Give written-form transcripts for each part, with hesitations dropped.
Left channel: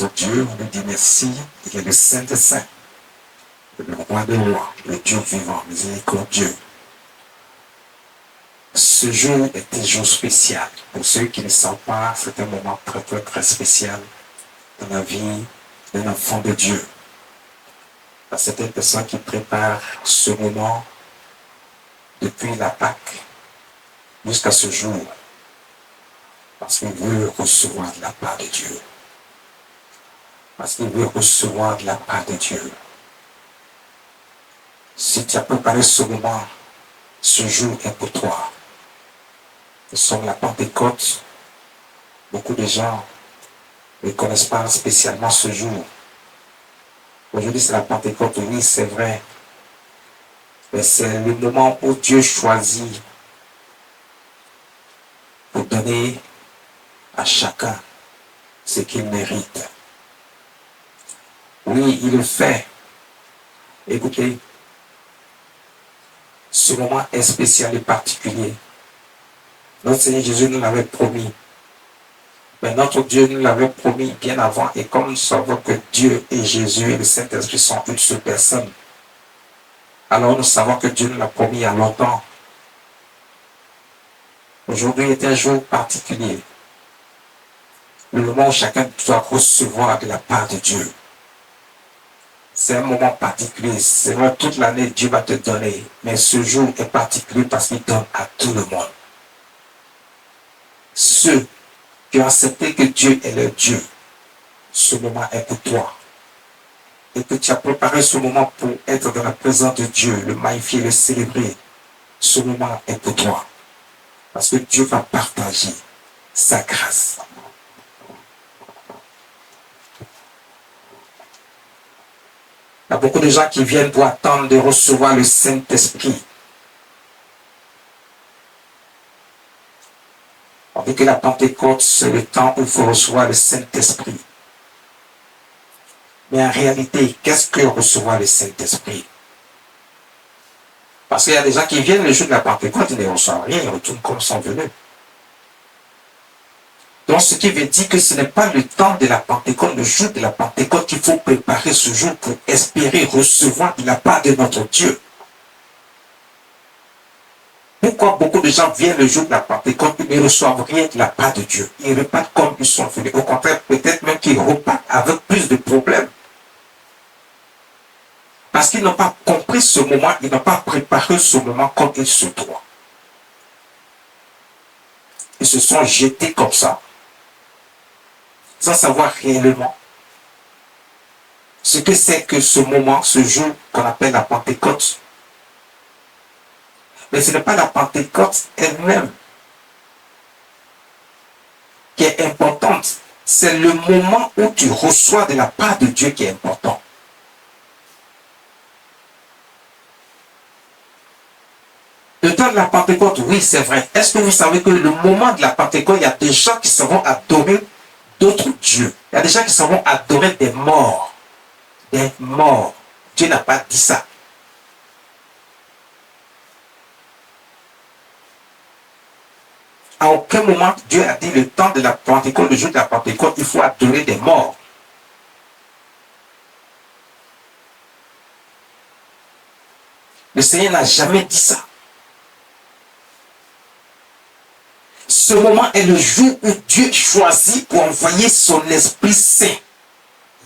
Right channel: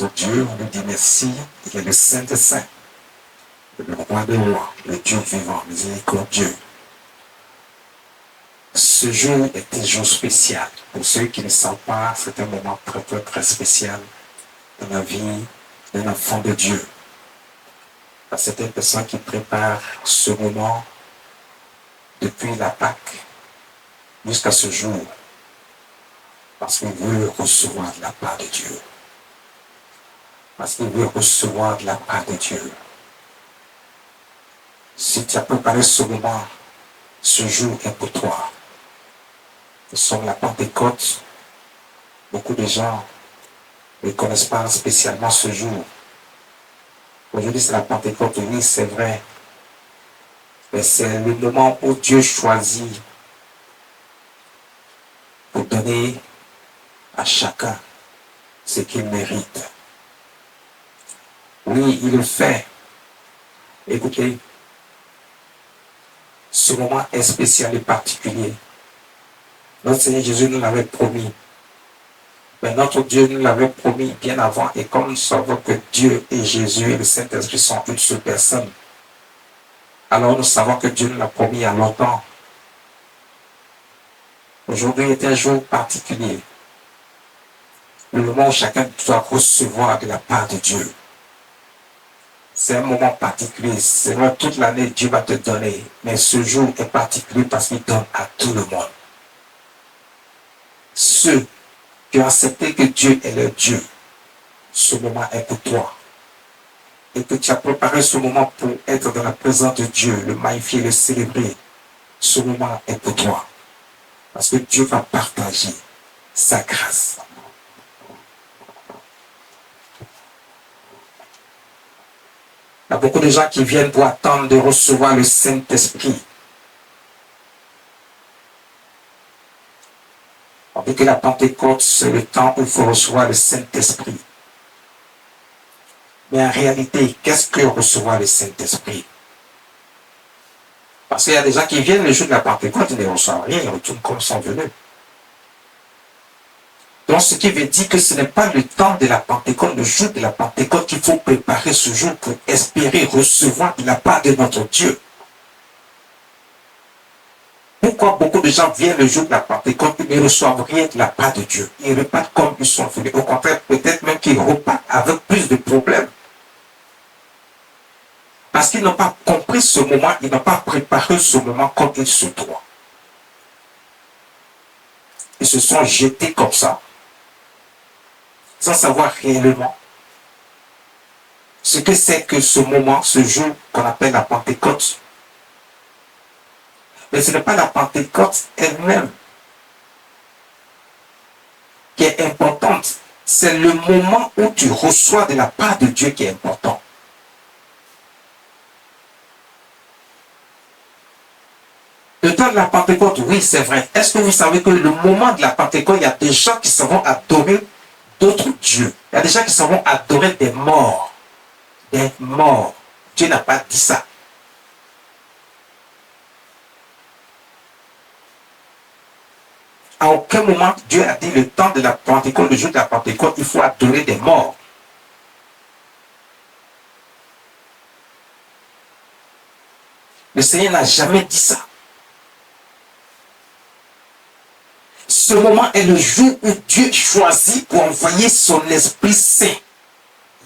notre Dieu, on nous dit merci, il est le Saint des Saints, le roi des rois, le Dieu vivant, miséricordieux. Ce jour est un jour spécial. Pour ceux qui ne savent pas, c'est un moment très, très, très spécial dans la vie d'un enfant de Dieu. À certaines personnes qui préparent ce moment depuis la Pâque jusqu'à ce jour, parce qu'il veut recevoir de la part de Dieu. Parce qu'il veut recevoir de la part de Dieu. Si tu as préparé ce moment, ce jour est pour toi. Nous sommes la Pentecôte. Beaucoup de gens ne connaissent pas spécialement ce jour. Aujourd'hui, c'est la Pentecôte, oui, c'est vrai. Mais c'est le moment où Dieu choisit pour donner à chacun ce qu'il mérite. Oui, il le fait. Écoutez, ce moment est spécial et particulier. Notre Seigneur Jésus nous l'avait promis. Mais notre Dieu nous l'avait promis bien avant. Et comme nous savons que Dieu et Jésus et le Saint-Esprit sont une seule personne, alors nous savons que Dieu nous l'a promis il y a longtemps. Aujourd'hui est un jour particulier. Le moment où chacun doit recevoir de la part de Dieu. C'est un moment particulier. C'est vrai, toute l'année, Dieu va te donner. Mais ce jour est particulier parce qu'il donne à tout le monde. Ceux qui ont accepté que Dieu est leur Dieu, ce moment est pour toi. Et que tu as préparé ce moment pour être dans la présence de Dieu, le magnifier, le célébrer. Ce moment est pour toi. Parce que Dieu va partager sa grâce. Il y a beaucoup de gens qui viennent pour attendre de recevoir le Saint-Esprit. On dit que la Pentecôte, c'est le temps où il faut recevoir le Saint-Esprit. Mais en réalité, qu'est-ce que recevoir le Saint-Esprit? Parce qu'il y a des gens qui viennent le jour de la Pentecôte, ils ne reçoivent rien, ils retournent comme ils sont venus. Donc, ce qui veut dire que ce n'est pas le temps de la Pentecôte, le jour de la Pentecôte, qu'il faut préparer ce jour pour espérer recevoir de la part de notre Dieu. Pourquoi beaucoup de gens viennent le jour de la Pentecôte et ne reçoivent rien de la part de Dieu? Ils repartent comme ils sont venus. Au contraire, peut-être même qu'ils repartent avec plus de problèmes. Parce qu'ils n'ont pas compris ce moment, ils n'ont pas préparé ce moment comme il se doit. Ils se sont jetés comme ça, sans savoir réellement ce que c'est que ce moment, ce jour qu'on appelle la Pentecôte. Mais ce n'est pas la Pentecôte elle-même qui est importante. C'est le moment où tu reçois de la part de Dieu qui est important. Le temps de la Pentecôte, oui, c'est vrai. Est-ce que vous savez que le moment de la Pentecôte, il y a des gens qui savent adorer d'autres dieux. Il y a des gens qui savent adorer des morts. Des morts. Dieu n'a pas dit ça. À aucun moment, Dieu a dit le temps de la Pentecôte, le jour de la Pentecôte, il faut adorer des morts. Le Seigneur n'a jamais dit ça. Ce moment est le jour où Dieu choisit pour envoyer son Esprit Saint.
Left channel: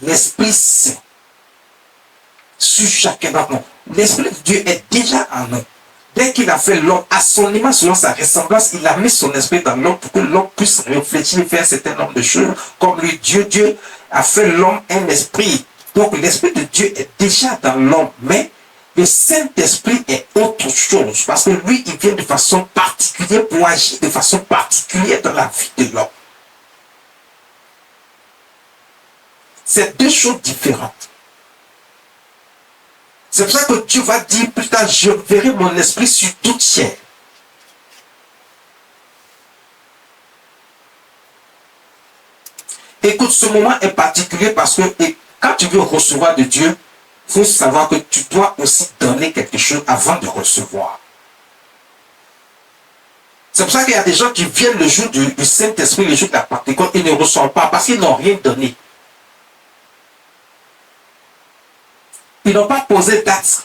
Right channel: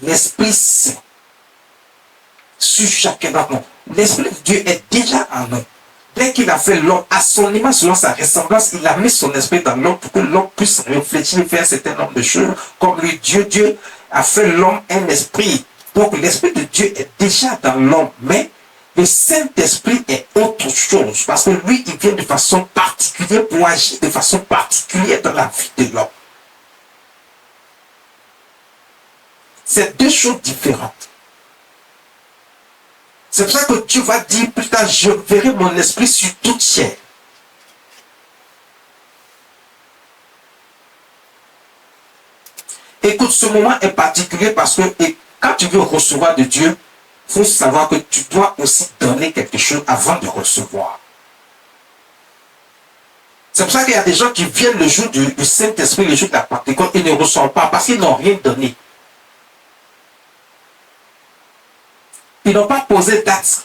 L'Esprit Saint. Sur chacun d'entre nous. L'Esprit de Dieu est déjà en nous. Dès qu'il a fait l'homme à son image, selon sa ressemblance, il a mis son esprit dans l'homme pour que l'homme puisse réfléchir et faire un certain nombre de choses. Comme lui, Dieu a fait l'homme un esprit. Donc l'Esprit de Dieu est déjà dans l'homme. Mais le Saint-Esprit est autre chose. Parce que lui, il vient de façon particulière pour agir de façon particulière dans la vie de l'homme. C'est deux choses différentes. C'est pour ça que Dieu va dire plus tard, je verrai mon esprit sur toute chair. Écoute, ce moment est particulier parce que quand tu veux recevoir de Dieu, il faut savoir que tu dois aussi donner quelque chose avant de recevoir. C'est pour ça qu'il y a des gens qui viennent le jour du Saint-Esprit, le jour de la Pentecôte, ils ne reçoivent pas parce qu'ils n'ont rien donné. Ils n'ont pas posé date.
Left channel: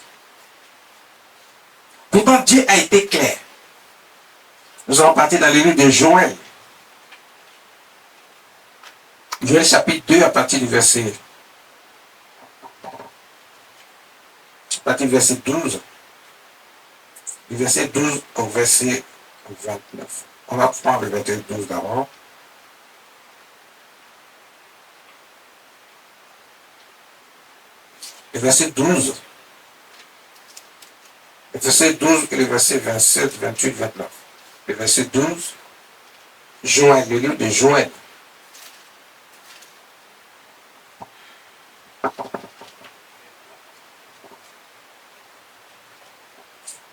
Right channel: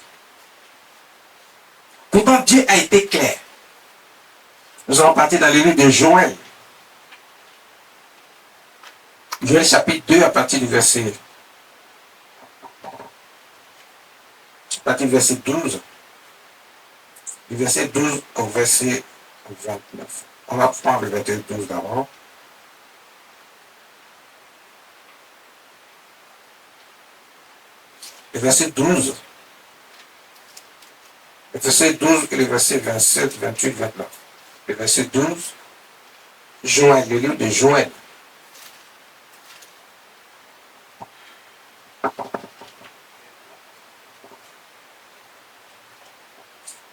Pourtant, Dieu a été clair. Nous allons partir dans le livre de Joël. Joël chapitre 2 à partir du verset 12. Du verset 12 au verset 29. On va prendre le verset 12 d'abord. Le verset 12. Le verset 12 et le verset 27, 28, 29. Le verset 12. Joël, le livre de Joël.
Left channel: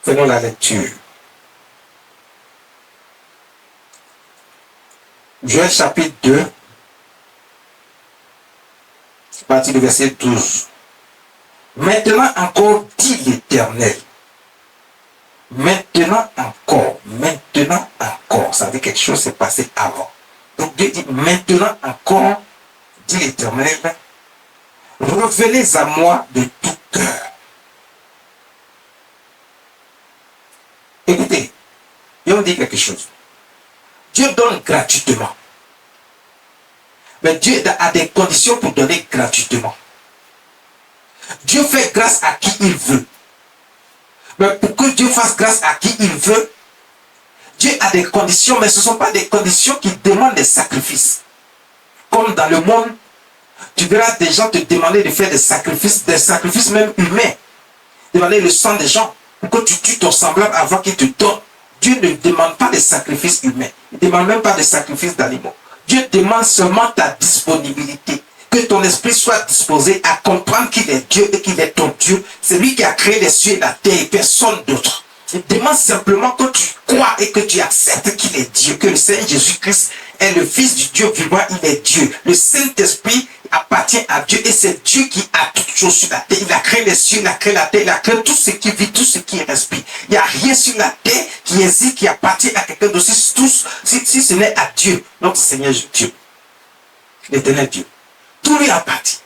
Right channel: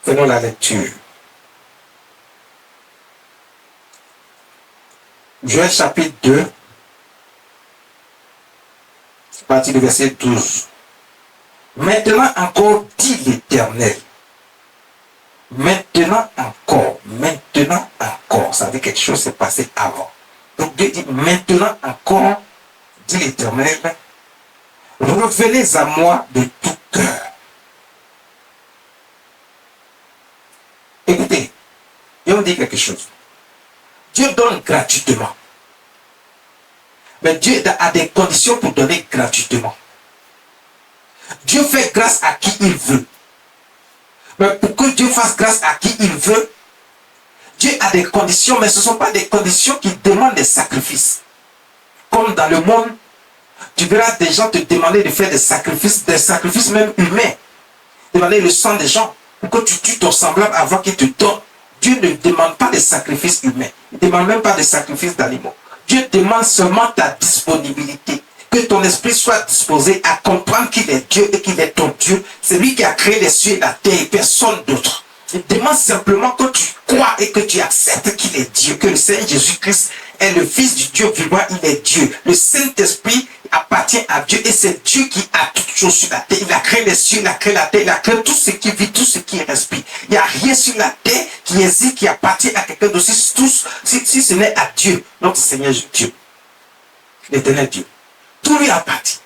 Faisons la lecture. Joël chapitre 2, à partir du verset 12. Maintenant encore, dit l'Éternel. Maintenant encore, ça veut dire quelque chose s'est passé avant. Donc Dieu dit, maintenant encore, dit l'Éternel, revenez à moi de tout cœur. Écoutez, je vais vous dire quelque chose. Dieu donne gratuitement. Mais Dieu a des conditions pour donner gratuitement. Dieu fait grâce à qui il veut. Mais pour que Dieu fasse grâce à qui il veut, Dieu a des conditions, mais ce ne sont pas des conditions qui demandent des sacrifices. Comme dans le monde, tu verras des gens te demander de faire des sacrifices même humains. Demander le sang des gens pour que tu tues ton semblable avant qu'il te donne. Dieu ne demande pas des sacrifices humains. Il ne demande même pas des sacrifices d'animaux. Dieu demande seulement ta disponibilité. Que ton esprit soit disposé à comprendre qu'il est Dieu et qu'il est ton Dieu. C'est lui qui a créé les cieux et la terre et personne d'autre. Il demande simplement que tu crois et que tu acceptes qu'il est Dieu, que le Seigneur Jésus-Christ est le Fils du Dieu vivant, il est Dieu. Le Saint-Esprit appartient à Dieu et c'est Dieu qui a toutes choses sur la terre. Il a créé les cieux, il a créé la terre, il a créé tout ce qui vit, tout ce qui respire. Il n'y a rien sur la terre qui existe, qui appartient à quelqu'un d'autre. Si ce n'est à Dieu, notre Seigneur Dieu, l'Éternel Dieu. Tout lui appartient.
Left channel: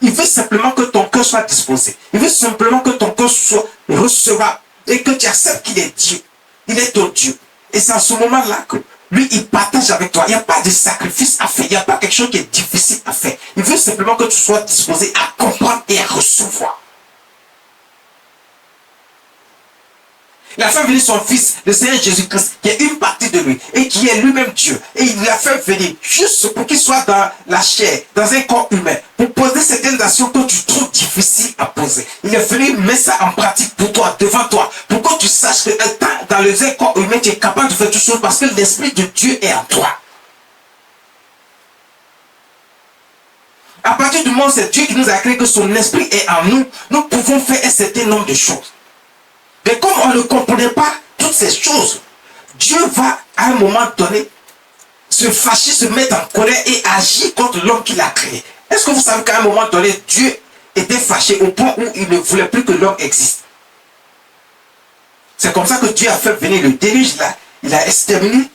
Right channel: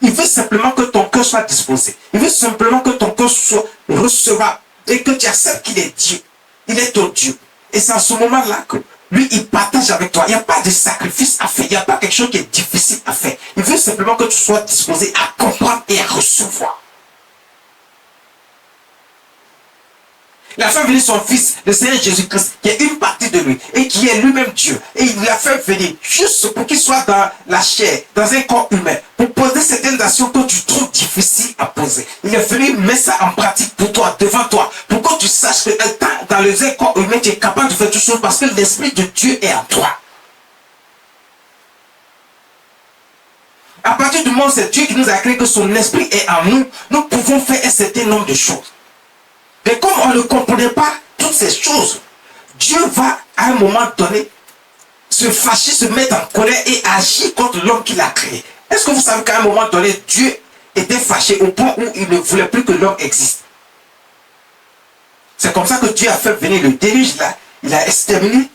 Il veut simplement que ton cœur soit disposé. Il veut simplement que ton cœur soit recevable et que tu acceptes qu'il est Dieu. Il est ton Dieu. Et c'est en ce moment-là que lui, il partage avec toi. Il n'y a pas de sacrifice à faire. Il n'y a pas quelque chose qui est difficile à faire. Il veut simplement que tu sois disposé à comprendre et à recevoir. Il a fait venir son Fils, le Seigneur Jésus-Christ, qui est une partie de lui, et qui est lui-même Dieu. Et il l'a fait venir juste pour qu'il soit dans la chair, dans un corps humain, pour poser certaines actions que tu trouves difficiles à poser. Il est venu mettre ça en pratique pour toi, devant toi, pour que tu saches que dans le corps humain, tu es capable de faire toutes choses parce que l'Esprit de Dieu est en toi. À partir du moment où c'est Dieu qui nous a créé, que son Esprit est en nous, nous pouvons faire un certain nombre de choses. Mais comme on ne comprenait pas toutes ces choses, Dieu va à un moment donné se fâcher, se mettre en colère et agir contre l'homme qu'il a créé. Est-ce que vous savez qu'à un moment donné, Dieu était fâché au point où il ne voulait plus que l'homme existe? C'est comme ça que Dieu a fait venir le déluge là. Il a exterminé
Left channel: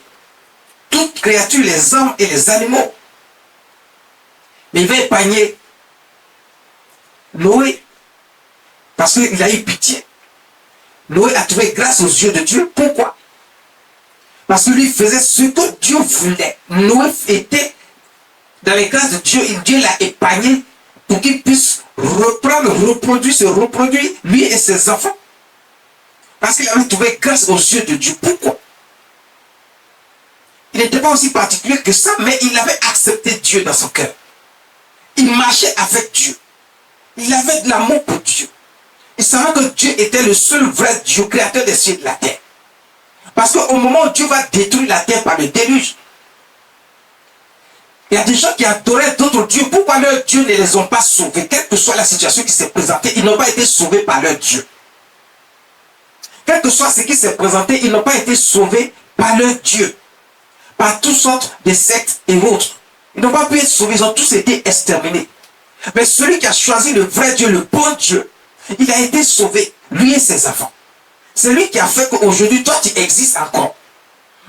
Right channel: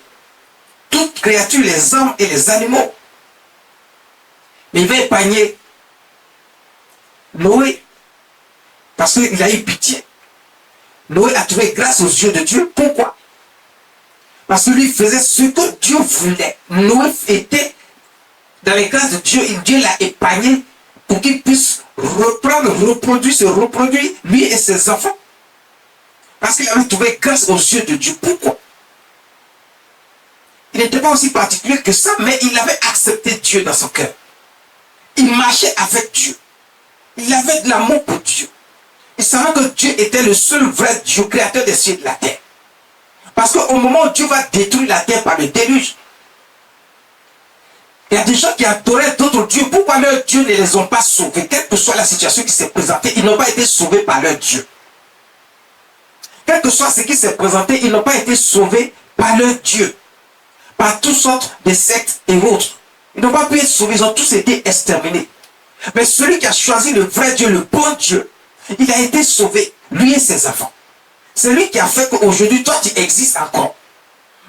toute créature, les hommes et les animaux. Mais il va épargner Noé parce qu'il a eu pitié. Noé a trouvé grâce aux yeux de Dieu. Pourquoi? Parce que lui faisait ce que Dieu voulait. Noé était dans les grâces de Dieu et Dieu l'a épargné pour qu'il puisse se reproduire, lui et ses enfants. Parce qu'il avait trouvé grâce aux yeux de Dieu. Pourquoi? Il n'était pas aussi particulier que ça, mais il avait accepté Dieu dans son cœur. Il marchait avec Dieu. Il avait de l'amour pour Dieu. Il savait que Dieu était le seul vrai Dieu, créateur des cieux et de la terre. Parce qu'au moment où Dieu va détruire la terre par le déluge, il y a des gens qui adoraient d'autres dieux. Pourquoi leurs dieux ne les ont pas sauvés? Quelle que soit la situation qui s'est présentée, ils n'ont pas été sauvés par leur Dieu. Quel que soit ce qui s'est présenté, ils n'ont pas été sauvés par leur Dieu. Par toutes sortes de sectes et autres. Ils n'ont pas pu être sauvés, ils ont tous été exterminés. Mais celui qui a choisi le vrai Dieu, le bon Dieu, il a été sauvé, lui et ses enfants. C'est lui qui a fait qu'aujourd'hui, toi, tu existes encore.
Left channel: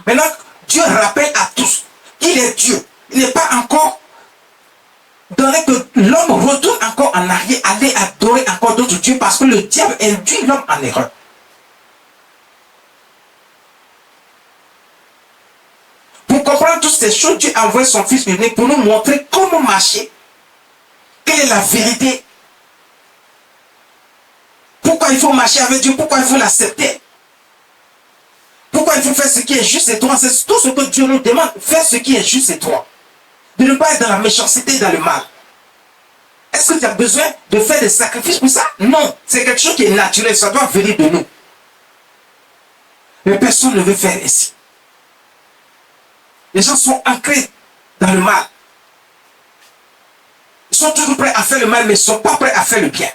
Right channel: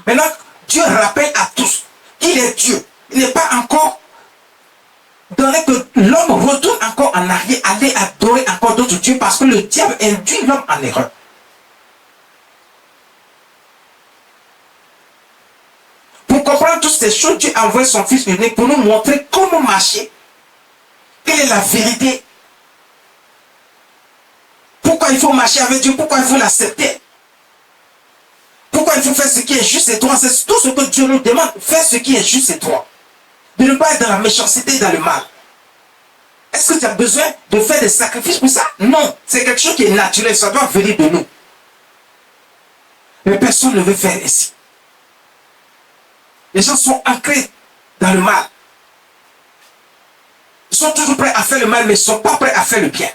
Maintenant, Dieu rappelle à tous qu'il est Dieu. Il n'est pas encore donnerait que l'homme retourne encore en arrière, aller adorer encore d'autres dieux, parce que le diable induit l'homme en erreur. Pour comprendre toutes ces choses, Dieu a envoyé son Fils unique pour nous montrer comment marcher, quelle est la vérité, pourquoi il faut marcher avec Dieu, pourquoi il faut l'accepter, pourquoi il faut faire ce qui est juste et droit. C'est tout ce que Dieu nous demande, faire ce qui est juste et droit. De ne pas être dans la méchanceté, dans le mal. Est-ce que tu as besoin de faire des sacrifices pour ça? Non, c'est quelque chose qui est naturel, ça doit venir de nous. Mais personne ne veut faire ainsi. Les gens sont ancrés dans le mal. Ils sont toujours prêts à faire le mal, mais ils ne sont pas prêts à faire le bien.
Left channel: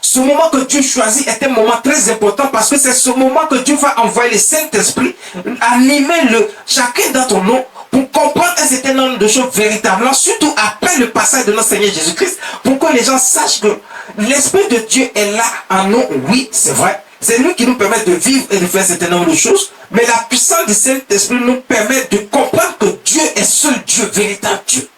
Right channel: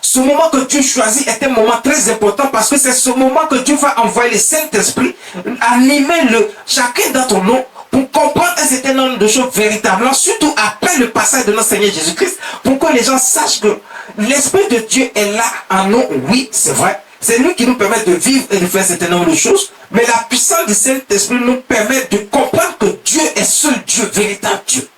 Ce moment que Dieu choisit est un moment très important parce que c'est ce moment que Dieu va envoyer le Saint-Esprit, animer chacun dans ton nom pour comprendre un certain nombre de choses véritablement, surtout après le passage de notre Seigneur Jésus-Christ, pour que les gens sachent que l'Esprit de Dieu est là en nous. Oui, c'est vrai. C'est lui qui nous permet de vivre et de faire un certain nombre de choses, mais la puissance du Saint-Esprit nous permet de comprendre que Dieu est seul Dieu, véritable Dieu.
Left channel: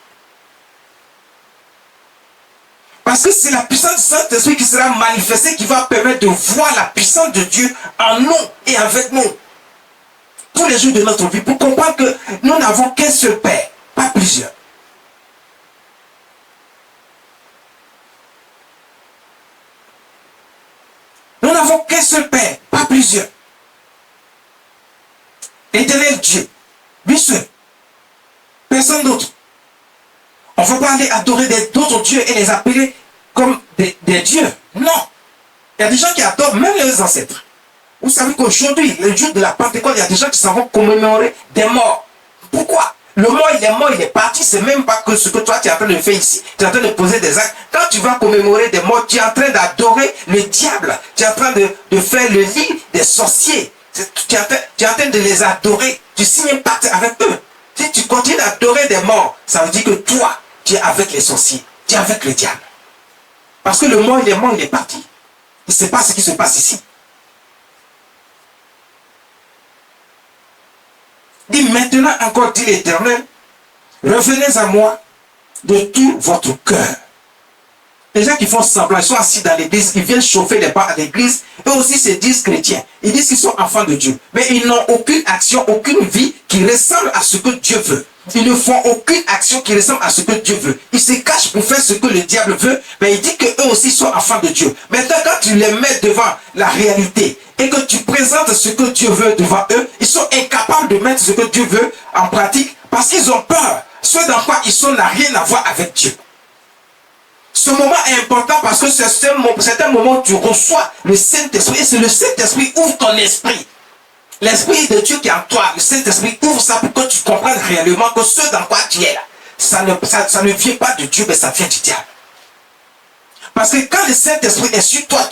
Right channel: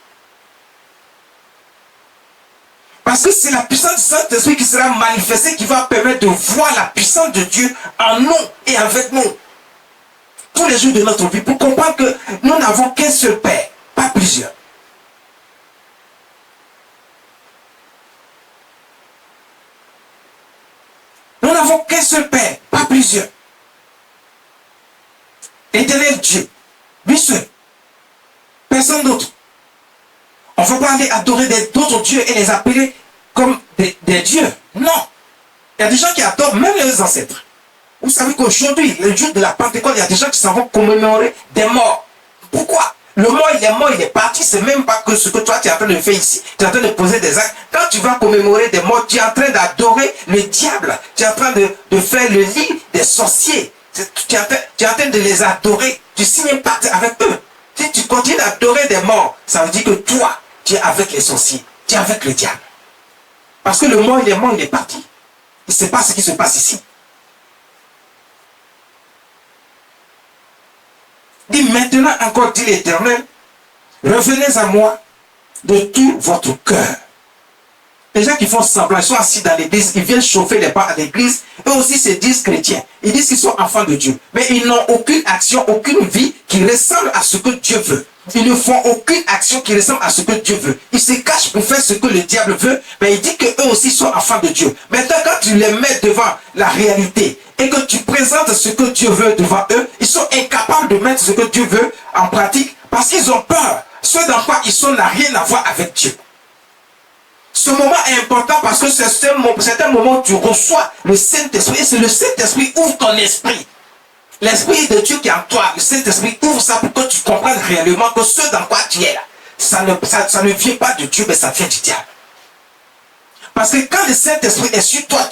Parce que c'est la puissance du Saint-Esprit qui sera manifestée, qui va permettre de voir la puissance de Dieu en nous et avec nous. Tous les jours de notre vie, pour comprendre que nous n'avons qu'un seul Père, pas plusieurs. Nous n'avons qu'un seul Père, pas plusieurs. Éternel Dieu, lui seul. Personne d'autre. On ne va pas aller adorer d'autres dieux et les appeler comme des dieux. Non. Il y a des gens qui adorent même les ancêtres. Vous savez qu'aujourd'hui, le jour de la Pentecôte, il y a des gens qui s'en vont commémorer des morts. Pourquoi? Le mort, il est parti. C'est même pas que ce que toi, tu es en train de faire ici. Tu es en train de poser des actes. Quand tu vas commémorer des morts, tu es en train d'adorer le diable. Tu es en train de faire le lit des sorciers. Tu es en train de les adorer. Tu signes un pacte avec eux. Si tu continues d'adorer des morts, ça veut dire que toi, tu es avec les sorciers. Tu es avec le diable. Parce que le mort, il est parti. Il ne sait pas ce qui se passe ici. Dis maintenant encore, dit l'Éternel, revenez à moi de tout votre cœur. Les gens qui font semblant, ils sont assis dans l'église, ils viennent chauffer les pas à l'église, eux aussi se disent chrétiens. Ils disent qu'ils sont enfants de Dieu. Mais ils n'ont aucune action, aucune vie qui ressemble à ce que Dieu veut. Ils ne font aucune action qui ressemble à ce que Dieu veut. Ils se cachent pour faire ce que le diable veut, mais il dit qu'eux aussi sont enfants de Dieu. Maintenant, quand tu les mets devant la réalité et que tu présentes ce que Dieu veut devant eux, ils sont incapables de mettre ce que Dieu veut en pratique parce qu'ils ont peur. Ce dans quoi ils sont n'a rien à voir avec Dieu. Ce moment est important parce que c'est un moment où tu reçois le Saint-Esprit et c'est le Saint-Esprit qui ouvre ton esprit. L'Esprit de Dieu qui est en toi, le Saint-Esprit ouvre ça pour que tu comprennes réellement que ce dans quoi tu es là, ça ne vient pas de Dieu, mais ça vient du diable. Parce que quand le Saint-Esprit est sur toi,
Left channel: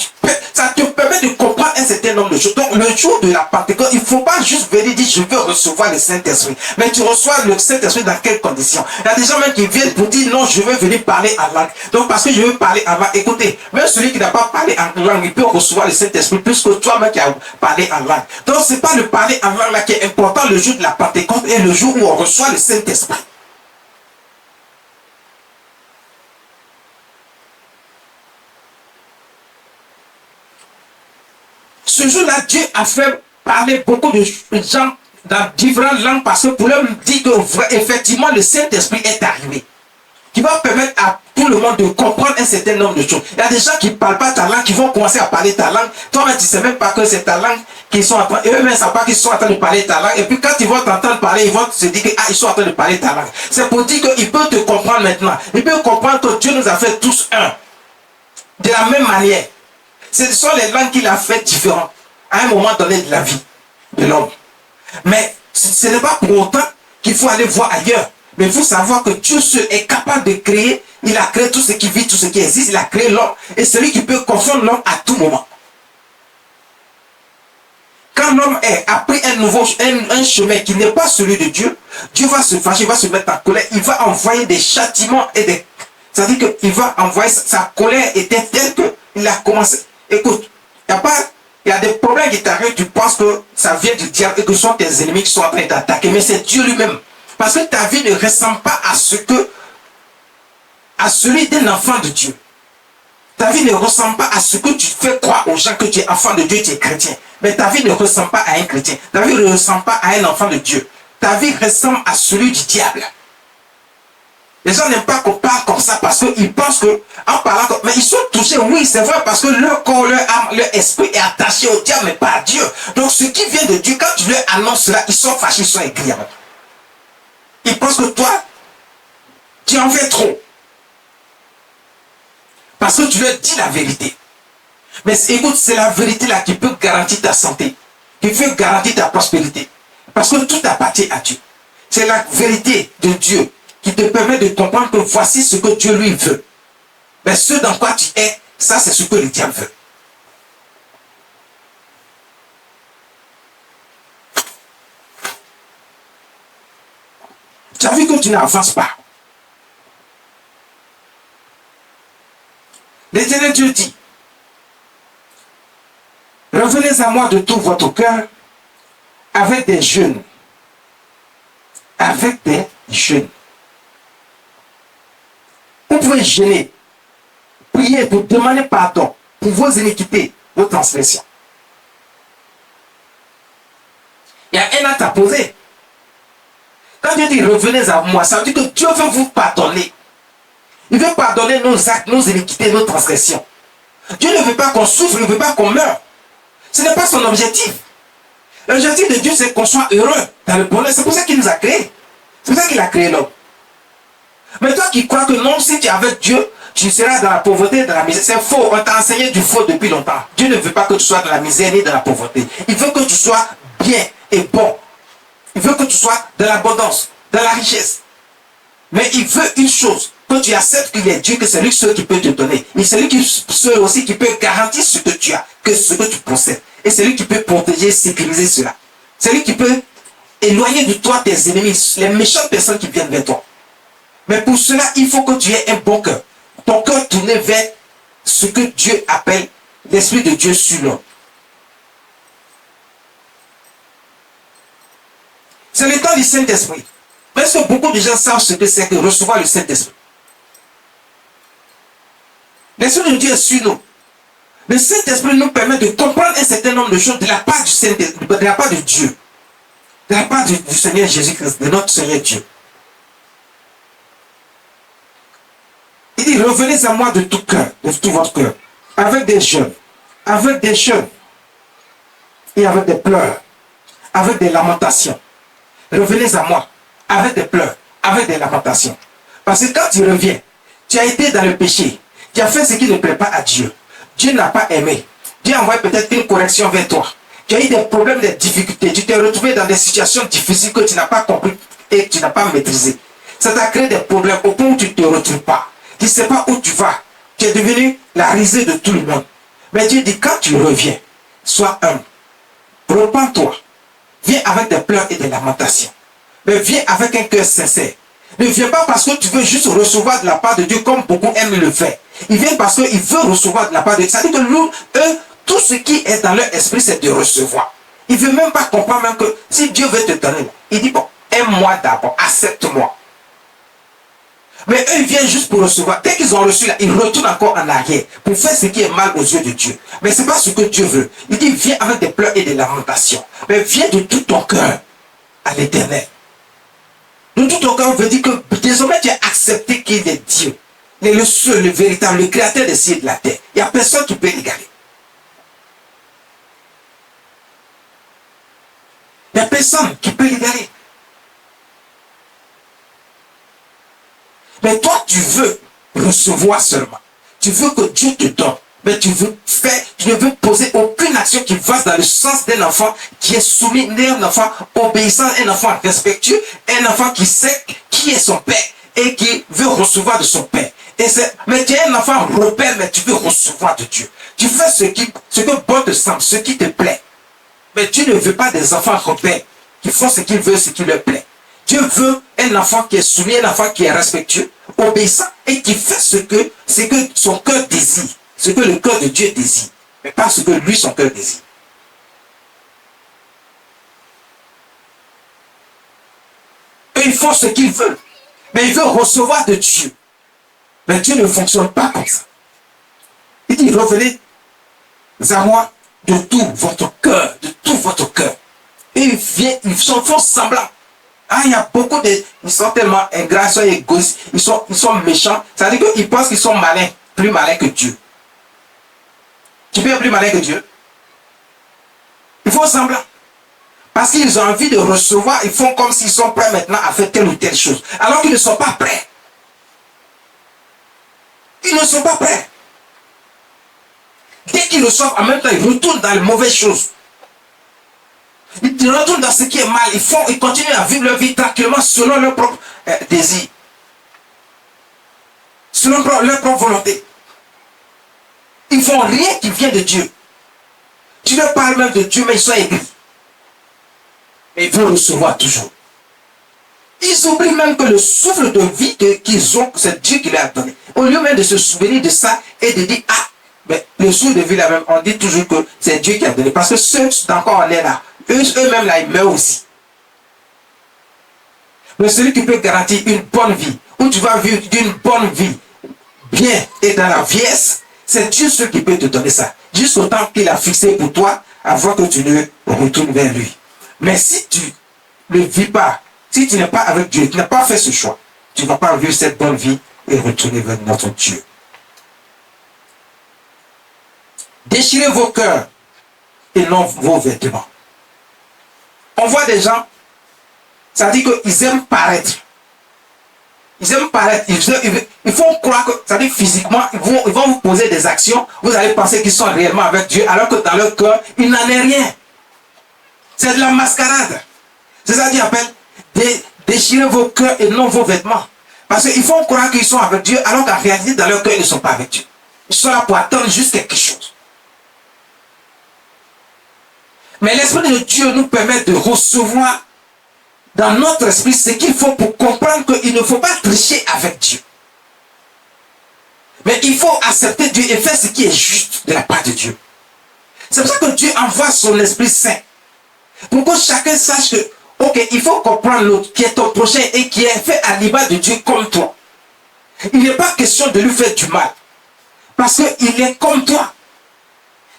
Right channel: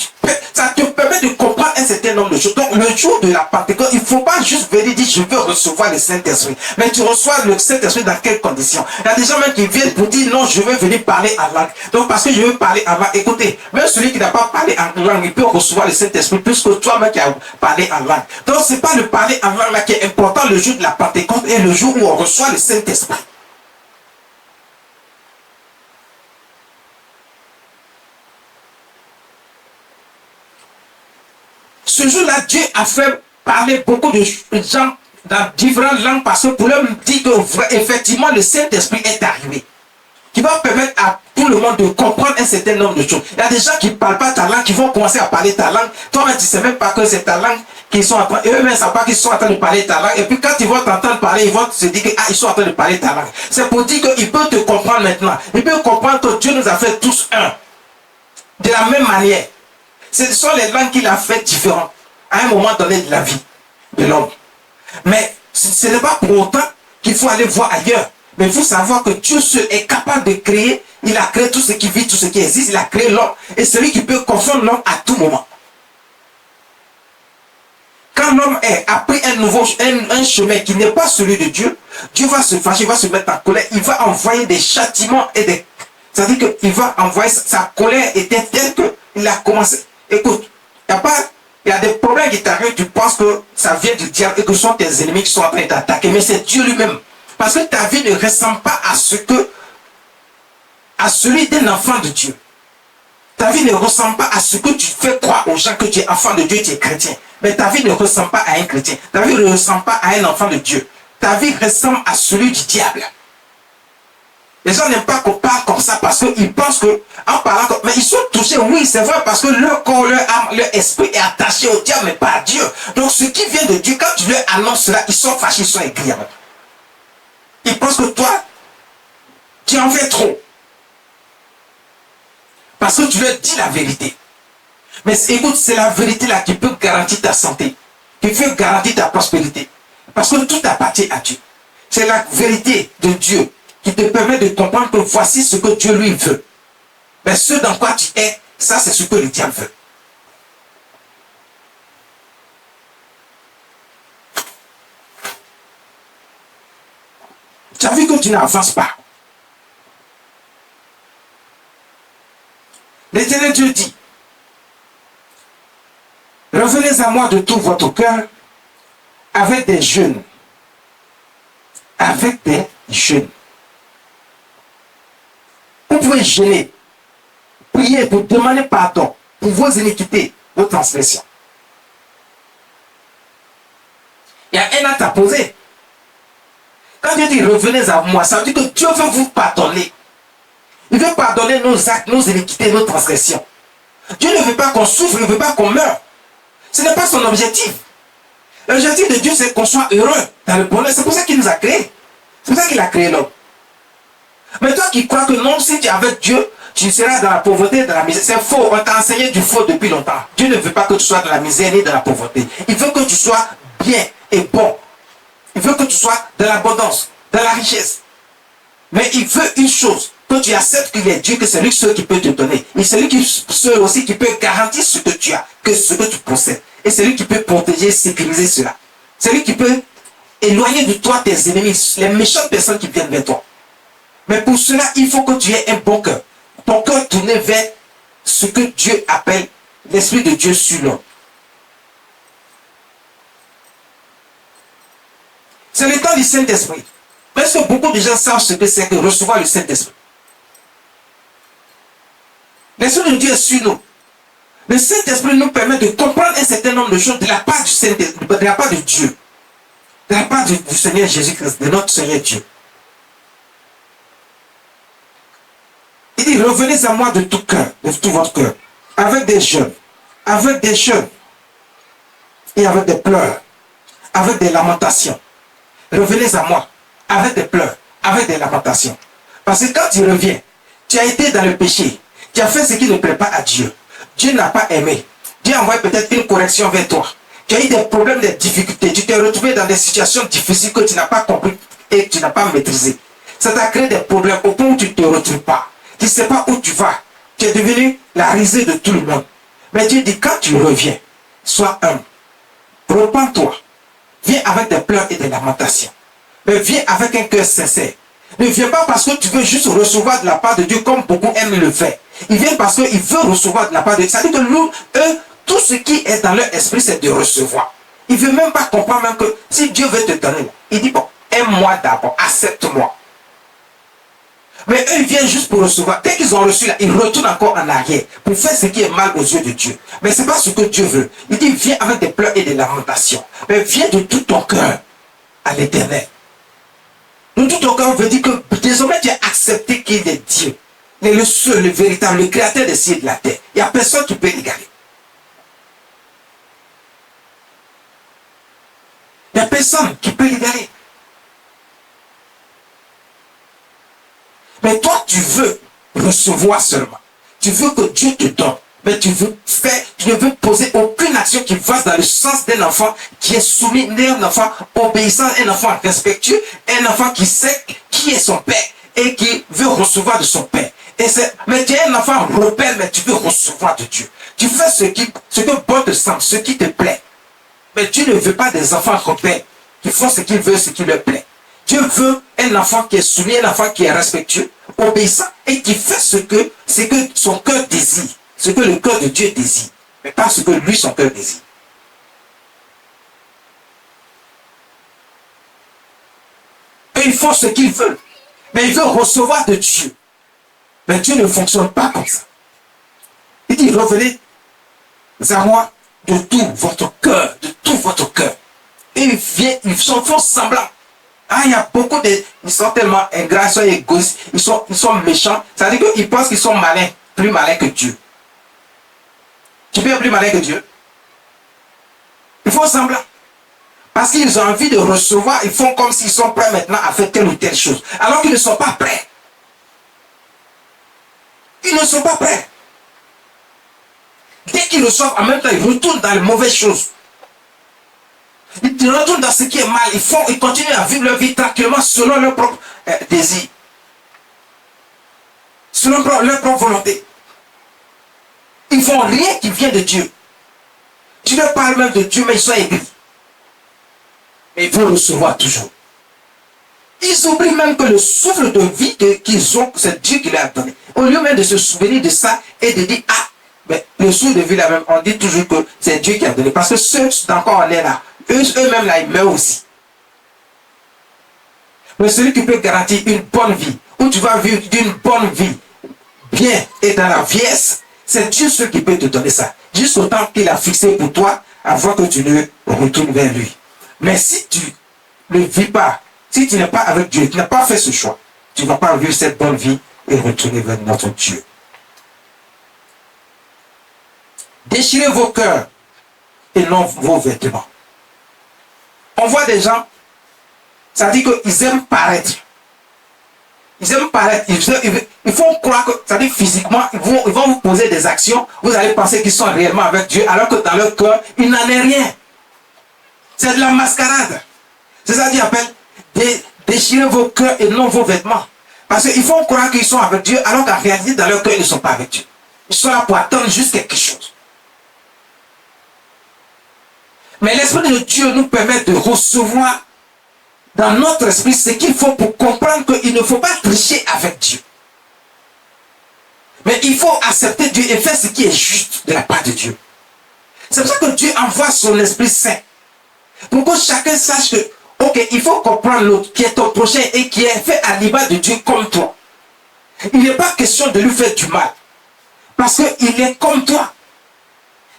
ça te permet de comprendre un certain nombre de choses. Donc le jour de la Pentecôte, il ne faut pas juste venir dire je veux recevoir le Saint-Esprit. Mais tu reçois le Saint-Esprit dans quelles conditions? Il y a des gens même qui viennent pour dire non, je veux venir parler en langue. Donc parce que je veux parler en langue, écoutez, même celui qui n'a pas parlé en langue, il peut recevoir le Saint-Esprit plus que toi-même qui as parlé en langue. Donc ce n'est pas le parler en langue là qui est important le jour de la Pentecôte et le jour où on reçoit le Saint-Esprit. Ce jour-là, Dieu a fait parler beaucoup de gens dans différentes langues parce que pour leur dire que effectivement le Saint-Esprit est arrivé. Qui va permettre à tout le monde de comprendre un certain nombre de choses. Il y a des gens qui ne parlent pas ta langue, qui vont commencer à parler ta langue. Toi-même, tu ne sais même pas que c'est ta langue qu'ils sont en train, eux-mêmes ne savent pas qu'ils sont en train de parler ta langue. Et puis quand ils vont t'entendre parler, ils vont se dire que, ils sont en train de parler ta langue. C'est pour dire qu'ils peuvent te comprendre maintenant. Ils peuvent comprendre que Dieu nous a fait tous un. De la même manière. Ce sont les langues qu'il a fait différentes à un moment donné de la vie de l'homme. Mais ce n'est pas pour autant qu'il faut aller voir ailleurs. Mais il faut savoir que Dieu est capable de créer. Il a créé tout ce qui vit, tout ce qui existe. Il a créé l'homme. Et celui qui peut confondre l'homme à tout moment. Quand l'homme a pris un chemin qui n'est pas celui de Dieu, Dieu va se fâcher, il va se mettre en colère. Il va envoyer des châtiments et des... C'est-à-dire qu'il va envoyer... Sa colère était telle qu'il a commencé... Écoute, il y a des problèmes qui t'arrivent, tu penses que ça vient du diable et que ce sont tes ennemis qui sont en train d'attaquer. Mais c'est Dieu lui-même Parce que ta vie ne ressemble pas à celui d'un enfant de Dieu. Ta vie ne ressemble pas à ce que tu fais croire aux gens que tu es enfant de Dieu, tu es chrétien. Mais ta vie ne ressemble pas à un chrétien. Ta vie ne ressemble pas à un enfant de Dieu. Ta vie ressemble à celui du diable. Les gens n'aiment pas qu'on parle comme ça parce qu'ils pensent que, en parlant comme, mais ils sont touchés, oui, c'est vrai, parce que leur corps, leur âme, leur esprit est attaché au diable, mais pas à Dieu. Donc, ce qui vient de Dieu, quand tu leur annonces cela, ils sont fâchés, ils sont aigris. Ils pensent que toi, tu en fais trop. Parce que tu leur dis la vérité. Mais écoute, c'est la vérité là qui peut garantir ta santé, qui peut garantir ta prospérité. Parce que tout appartient à Dieu. C'est la vérité de Dieu qui te permet de comprendre que voici ce que Dieu lui veut. Mais ce dans quoi tu es, ça c'est ce que le diable veut. Tu as vu que tu n'avances pas. L'Éternel Dieu dit, revenez à moi de tout votre cœur avec des jeûnes. Avec des jeûnes. Vous pouvez jeûner, prier pour demander pardon pour vos iniquités, vos transgressions. Il y a un acte à poser. Quand Dieu dit revenez à moi, ça veut dire que Dieu veut vous pardonner. Il veut pardonner nos actes, nos iniquités, nos transgressions. Dieu ne veut pas qu'on souffre, il ne veut pas qu'on meure. Ce n'est pas son objectif. L'objectif de Dieu, c'est qu'on soit heureux dans le bonheur. C'est pour ça qu'il nous a créés. C'est pour ça qu'il a créé l'homme. Mais toi qui crois que non, si tu es avec Dieu, tu seras dans la pauvreté, dans la misère. C'est faux. On t'a enseigné du faux depuis longtemps. Dieu ne veut pas que tu sois dans la misère ni dans la pauvreté. Il veut que tu sois bien et bon. Il veut que tu sois dans l'abondance, dans la richesse. Mais il veut une chose, que tu acceptes qu'il est Dieu, que c'est lui seul qui peut te donner. Et c'est lui seul aussi qui peut garantir ce que tu as, que ce que tu possèdes. Et c'est lui qui peut protéger, sécuriser cela. C'est lui qui peut éloigner de toi tes ennemis, les méchantes personnes qui viennent vers toi. Mais pour cela, il faut que tu aies un bon cœur. Ton cœur tourné vers ce que Dieu appelle l'Esprit de Dieu sur l'homme. C'est le temps du Saint-Esprit. Parce que beaucoup de gens savent ce que c'est que recevoir le Saint-Esprit. L'Esprit de Dieu est sur nous. Le Saint-Esprit nous permet de comprendre un certain nombre de choses de la part du Saint-Esprit, de la part de Dieu. De la part du Seigneur Jésus-Christ, de notre Seigneur Dieu. Il dit, revenez à moi de tout cœur, de tout votre cœur, avec des jeûnes, et avec des pleurs, avec des lamentations. Revenez à moi, avec des pleurs, avec des lamentations. Parce que quand tu reviens, tu as été dans le péché, tu as fait ce qui ne plaît pas à Dieu. Dieu n'a pas aimé. Dieu a envoyé peut-être une correction vers toi. Tu as eu des problèmes, des difficultés. Tu t'es retrouvé dans des situations difficiles que tu n'as pas compris et que tu n'as pas maîtrisé. Ça t'a créé des problèmes au point où tu ne te retrouves pas. Tu ne sais pas où tu vas. Tu es devenu la risée de tout le monde. Mais Dieu dit, quand tu reviens, sois humble. Repends-toi. Viens avec des pleurs et des lamentations. Mais viens avec un cœur sincère. Ne viens pas parce que tu veux juste recevoir de la part de Dieu comme beaucoup aiment le faire. Il vient parce qu'il veut recevoir de la part de Dieu. Ça veut dire que nous, eux, tout ce qui est dans leur esprit, c'est de recevoir. Il ne veut même pas comprendre même que si Dieu veut te donner, il dit, bon, aime-moi d'abord, accepte-moi. Mais eux, ils viennent juste pour recevoir. Dès qu'ils ont reçu là, ils retournent encore en arrière pour faire ce qui est mal aux yeux de Dieu. Mais ce n'est pas ce que Dieu veut. Il dit, viens avec des pleurs et des lamentations. Mais viens de tout ton cœur à l'Éternel. De tout ton cœur veut dire que désormais tu as accepté qu'il est Dieu. Il est le seul, le véritable, le créateur des cieux et de la terre. Il n'y a personne qui peut l'égaler. Il n'y a personne qui peut l'égaler. Mais toi, tu veux recevoir seulement. Tu veux que Dieu te donne. Mais tu ne veux poser aucune action qui va dans le sens d'un enfant qui est soumis, un enfant obéissant, un enfant respectueux, un enfant qui sait qui est son père et qui veut recevoir de son père. Mais tu es un enfant rebelle, mais tu veux recevoir de Dieu. Tu fais ce que bon te semble, ce qui te plaît. Mais Dieu ne veut pas des enfants rebelles qui font ce qu'ils veulent, ce qui leur plaît. Dieu veut un enfant qui est soumis, un enfant qui est respectueux, obéissant et qui fait ce que son cœur désire. Ce que le cœur de Dieu désire, mais pas ce que lui, son cœur désire. Et ils font ce qu'ils veulent. Mais ils veulent recevoir de Dieu. Mais Dieu ne fonctionne pas comme ça. Il dit, revenez à moi de tout votre cœur, de tout votre cœur. Et ils font semblant. Ah, il y a beaucoup de... Ils sont tellement ingrats, ils sont égoïstes, ils sont méchants. Ça veut dire qu'ils pensent qu'ils sont malins, plus malins que Dieu. Tu peux être plus malin que Dieu? Ils font semblant. Parce qu'ils ont envie de recevoir, ils font comme s'ils sont prêts maintenant à faire telle ou telle chose. Alors qu'ils ne sont pas prêts. Ils ne sont pas prêts. Dès qu'ils reçoivent, en même temps, ils retournent dans les mauvaises choses. Ils retournent dans ce qui est mal. Ils continuent à vivre leur vie tranquillement selon leur propre désir. Selon leur propre volonté. Ils font rien qui vient de Dieu. Tu leur parles même de Dieu, mais ils sont aigris. Et ils veulent recevoir toujours. Ils oublient même que le souffle de vie qu'ils ont, c'est Dieu qui leur a donné. Au lieu même de se souvenir de ça et de dire, ah, mais le souffle de vie là même, on dit toujours que c'est Dieu qui a donné. Parce que ceux qui sont encore en l'air là, eux-mêmes là, ils meurent aussi. Mais celui qui peut garantir une bonne vie, où tu vas vivre d'une bonne vie, bien et dans la vieillesse, c'est Dieu ce qui peut te donner ça. Jusqu'au temps qu'il a fixé pour toi, avant que tu ne retournes vers lui. Mais si tu ne vis pas, si tu n'es pas avec Dieu, tu n'as pas fait ce choix, tu ne vas pas vivre cette bonne vie et retourner vers notre Dieu. Déchirez vos cœurs et non vos vêtements. On voit des gens, ça dit qu'ils aiment paraître. Ils aiment paraître. Ils font croire que, ça dit physiquement, ils vont vous poser des actions, vous allez penser qu'ils sont réellement avec Dieu, alors que dans leur cœur, il n'en est rien. C'est de la mascarade. C'est ça qu'il appelle déchirer vos cœurs et non vos vêtements. Parce qu'ils font croire qu'ils sont avec Dieu, alors qu'en réalité, dans leur cœur, ils ne sont pas avec Dieu. Ils sont là pour attendre juste quelque chose. Mais l'Esprit de Dieu nous permet de recevoir dans notre esprit ce qu'il faut pour comprendre qu'il ne faut pas tricher avec Dieu. Mais il faut accepter Dieu et faire ce qui est juste de la part de Dieu. C'est pour ça que Dieu envoie son Esprit Saint. Pour que chacun sache que, ok, il faut comprendre l'autre qui est ton prochain et qui est fait à l'image de Dieu comme toi. Il n'est pas question de lui faire du mal. Parce qu'il est comme toi.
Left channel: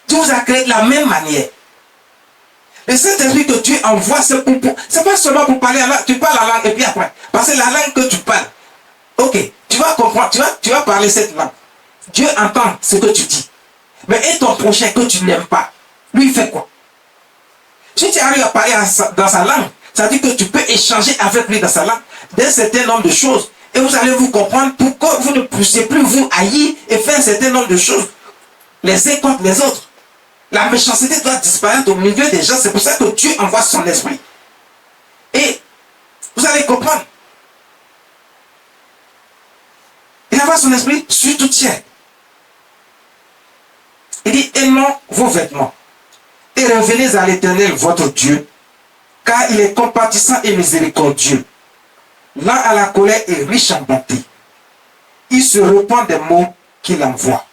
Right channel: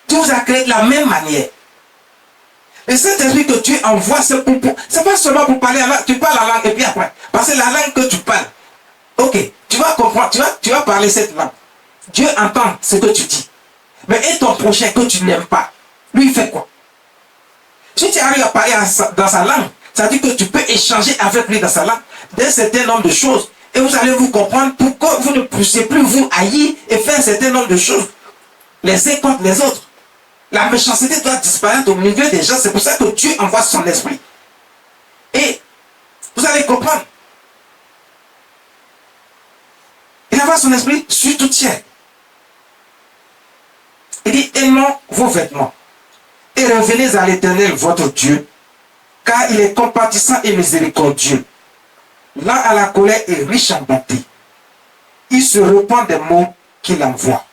Dieu vous a créé de la même manière. Et cet esprit que tu envoies, c'est pas seulement pour parler la langue. Tu parles la langue et puis après. Parce que la langue que tu parles, ok, tu vas comprendre, tu vas parler cette langue. Dieu entend ce que tu dis. Mais et ton prochain que tu n'aimes pas, lui il fait quoi? Si tu arrives à parler dans sa langue, ça veut dire que tu peux échanger avec lui dans sa langue d'un certain nombre de choses. Et vous allez vous comprendre pourquoi vous ne puissiez plus vous haïr et faire un certain nombre de choses les uns contre les autres. La méchanceté doit disparaître au milieu des gens. C'est pour ça que Dieu envoie son esprit. Et vous allez comprendre. Il envoie son esprit sur tout tiers. Il dit, aimons vos vêtements et revenez à l'Éternel votre Dieu, car il est compatissant et miséricordieux, lent à la colère et riche en bonté. Il se repent des mots qu'il envoie.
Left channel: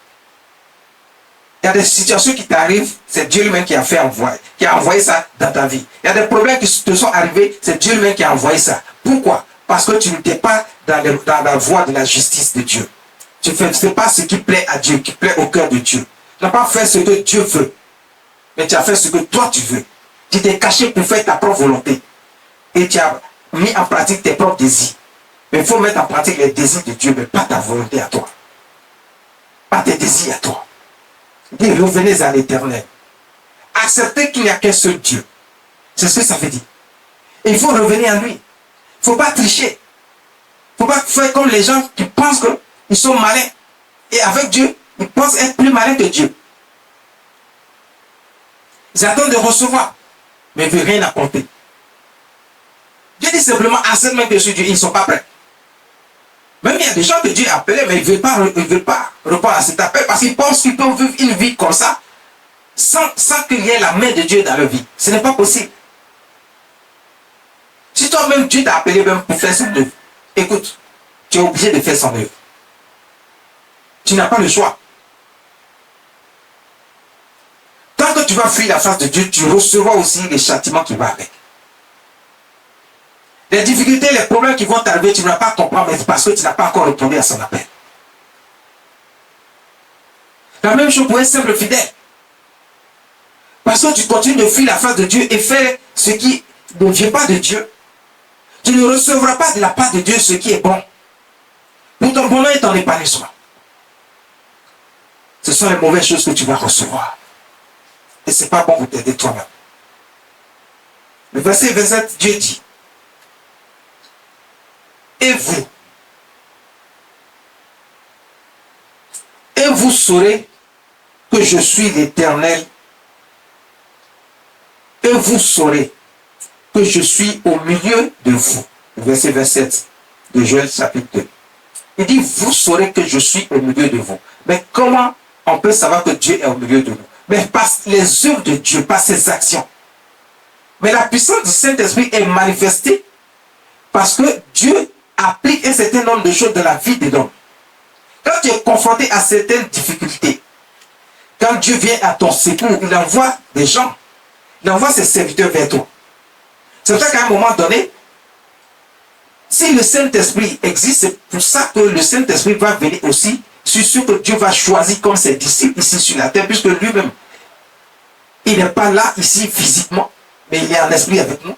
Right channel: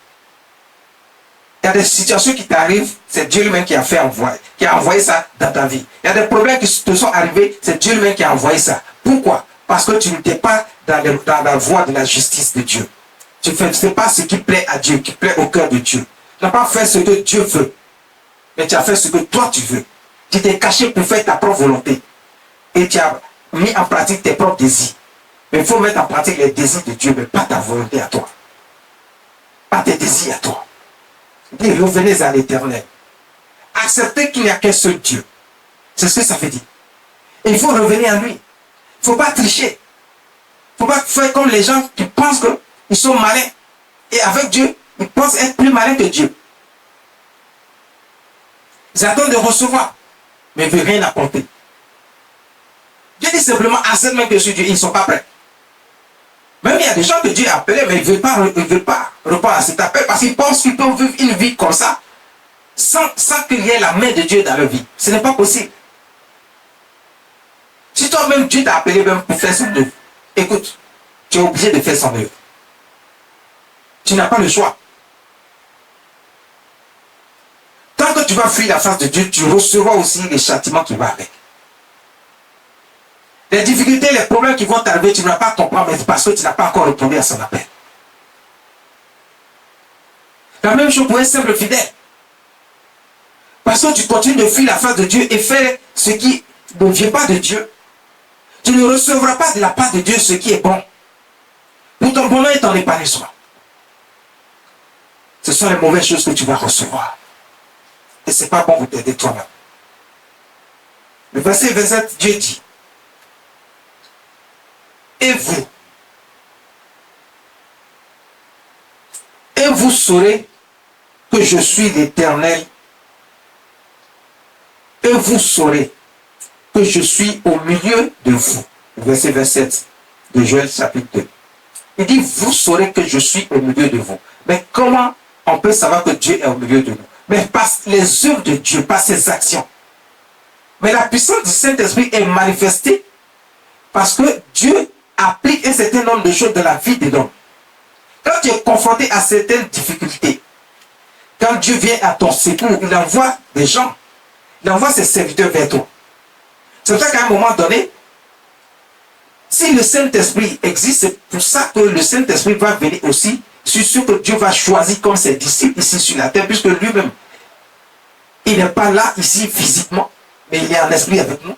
Il y a des situations qui t'arrivent, c'est Dieu lui-même qui a envoyé ça dans ta vie. Il y a des problèmes qui te sont arrivés, c'est Dieu lui-même qui a envoyé ça. Pourquoi? Parce que tu n'étais pas dans la voie de la justice de Dieu. Tu ne fais pas ce qui plaît à Dieu, qui plaît au cœur de Dieu. Tu n'as pas fait ce que Dieu veut, mais tu as fait ce que toi tu veux. Tu t'es caché pour faire ta propre volonté. Et tu as mis en pratique tes propres désirs. Mais il faut mettre en pratique les désirs de Dieu, mais pas ta volonté à toi. Pas tes désirs à toi. Dis, revenez à l'Éternel. Acceptez qu'il n'y a qu'un seul Dieu. C'est ce que ça veut dire. Et il faut revenir à lui. Il ne faut pas tricher. Il ne faut pas faire comme les gens qui pensent qu'ils sont malins. Et avec Dieu, ils pensent être plus malins que Dieu. Ils attendent de recevoir, mais ils ne veulent rien apporter. Dieu dit simplement, accepte même que sur Dieu, ils ne sont pas prêts. Même il y a des gens que Dieu a appelés, mais ils ne veulent pas répondre à cet appel parce qu'ils pensent qu'ils peuvent vivre une vie comme ça sans qu'il y ait la main de Dieu dans leur vie. Ce n'est pas possible. Si toi-même Dieu t'a appelé même pour faire son œuvre, écoute, tu es obligé de faire son œuvre. Tu n'as pas le choix. Tant que tu vas fuir la face de Dieu, tu recevras aussi les châtiments qui vont avec. Les difficultés, les problèmes qui vont t'arriver, tu ne vas pas comprendre, mais parce que tu n'as pas encore répondu à son appel. La même chose pour un simple fidèle. Parce que tu continues de fuir la face de Dieu et faire ce qui ne vient pas de Dieu. Tu ne recevras pas de la part de Dieu ce qui est bon. Pour ton bonheur et ton épanouissement. Ce sont les mauvaises choses que tu vas recevoir. Et ce n'est pas bon pour t'aider toi-même. Le verset 27, Dieu dit, et vous saurez que je suis l'Éternel, et vous saurez que je suis au milieu de vous. Verset 27 de Joël chapitre 2. Il dit, vous saurez que je suis au milieu de vous. Mais comment on peut savoir que Dieu est au milieu de nous? Mais par les œuvres de Dieu, par ses actions. Mais la puissance du Saint-Esprit est manifestée parce que Dieu applique un certain nombre de choses dans la vie de l'homme. Quand tu es confronté à certaines difficultés, quand Dieu vient à ton secours, il envoie des gens, il envoie ses serviteurs vers toi. C'est pour ça qu'à un moment donné, si le Saint-Esprit existe, c'est pour ça que le Saint-Esprit va venir aussi. Je suis sûr que Dieu va choisir comme ses disciples ici sur la terre, puisque lui-même, il n'est pas là ici physiquement, mais il est en esprit avec nous.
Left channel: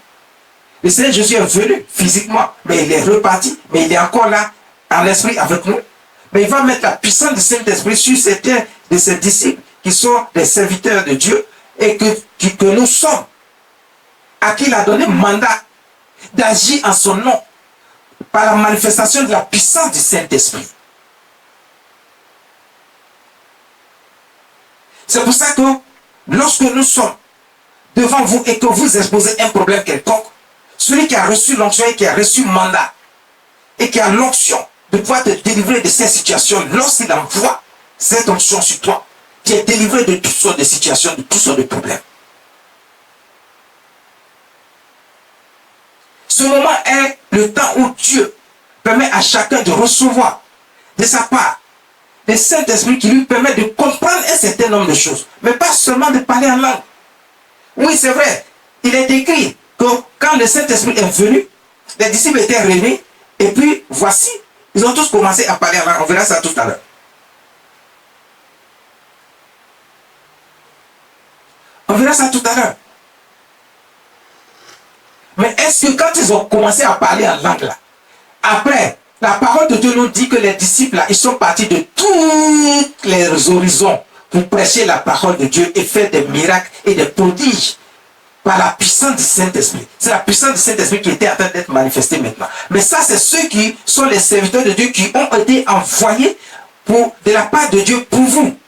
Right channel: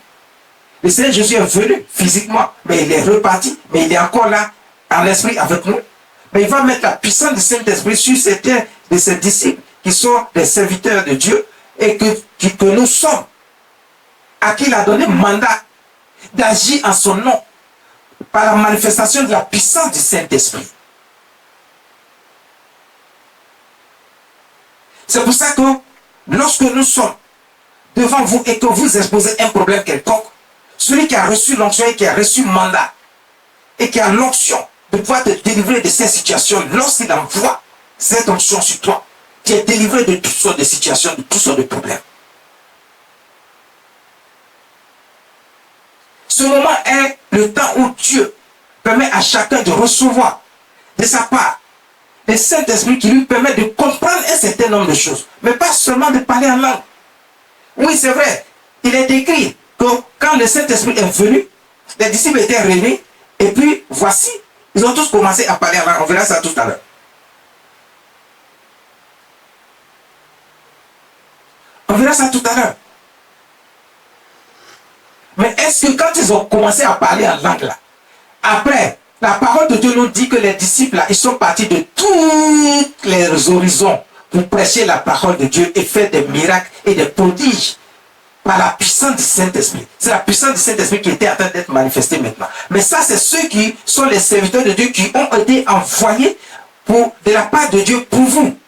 Le Seigneur Jésus est venu physiquement, mais il est reparti, mais il est encore là en esprit avec nous. Mais il va mettre la puissance du Saint-Esprit sur certains de ses disciples qui sont des serviteurs de Dieu et que nous sommes, à qui il a donné mandat d'agir en son nom par la manifestation de la puissance du Saint-Esprit. C'est pour ça que lorsque nous sommes devant vous et que vous exposez un problème quelconque, celui qui a reçu l'onction et qui a reçu mandat et qui a l'onction de pouvoir te délivrer de ces situations, lorsqu'il envoie cette onction sur toi, tu es délivré de toutes sortes de situations, de toutes sortes de problèmes. Ce moment est le temps où Dieu permet à chacun de recevoir de sa part le Saint-Esprit qui lui permet de comprendre un certain nombre de choses, mais pas seulement de parler en langue. Oui, c'est vrai, il est écrit que quand le Saint-Esprit est venu, les disciples étaient réunis, et puis voici, ils ont tous commencé à parler en langue. On verra ça tout à l'heure. On verra ça tout à l'heure. Mais est-ce que quand ils ont commencé à parler en langue là, après, la parole de Dieu nous dit que les disciples là, ils sont partis de tous les horizons pour prêcher la parole de Dieu et faire des miracles et des prodiges par la puissance du Saint-Esprit. C'est la puissance du Saint-Esprit qui était en train d'être manifestée maintenant. Mais ça, c'est ceux qui sont les serviteurs de Dieu qui ont été envoyés de la part de Dieu pour vous.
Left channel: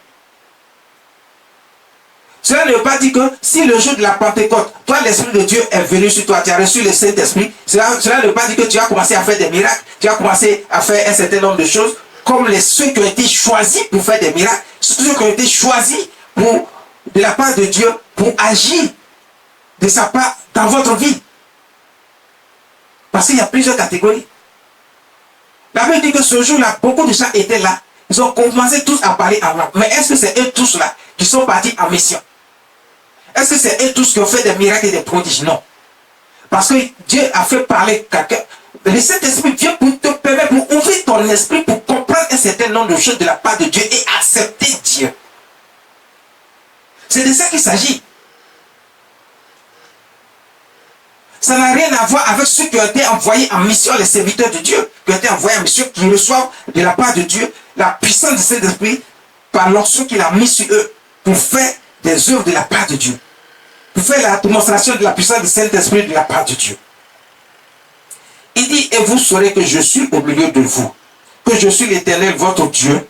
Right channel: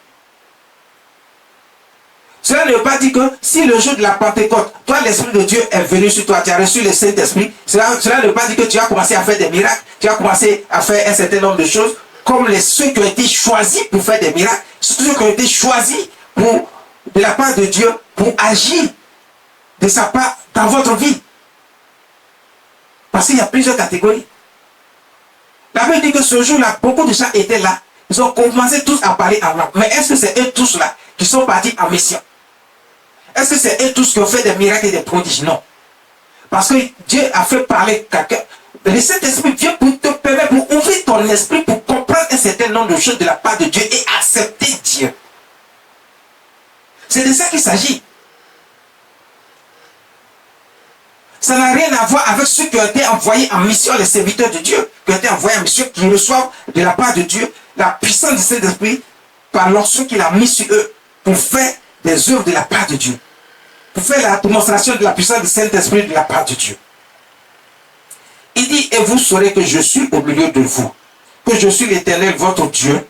Cela ne veut pas dire que si le jour de la Pentecôte, toi, l'Esprit de Dieu est venu sur toi, tu as reçu le Saint-Esprit, cela ne veut pas dire que tu vas commencer à faire des miracles, tu vas commencer à faire un certain nombre de choses, comme ceux qui ont été choisis pour faire des miracles, ceux qui ont été choisis de la part de Dieu pour agir de sa part dans votre vie. Parce qu'il y a plusieurs catégories. La Bible dit que ce jour-là, beaucoup de gens étaient là, ils ont commencé tous à parler en langue. Mais est-ce que c'est eux tous là qui sont partis en mission? Est-ce que c'est eux tous qui ont fait des miracles et des prodiges? Non. Parce que Dieu a fait parler quelqu'un. Le Saint-Esprit vient pour te permettre, pour ouvrir ton esprit, pour comprendre un certain nombre de choses de la part de Dieu et accepter Dieu. C'est de ça qu'il s'agit. Ça n'a rien à voir avec ceux qui ont été envoyés en mission, les serviteurs de Dieu, qui ont été envoyés en mission, qui reçoivent de la part de Dieu la puissance du Saint-Esprit par l'onction qu'il a mis sur eux pour faire des œuvres de la part de Dieu. Pour faire la démonstration de la puissance du Saint-Esprit de la part de Dieu. Il dit, et vous saurez que je suis au milieu de vous, que je suis l'Éternel, votre Dieu,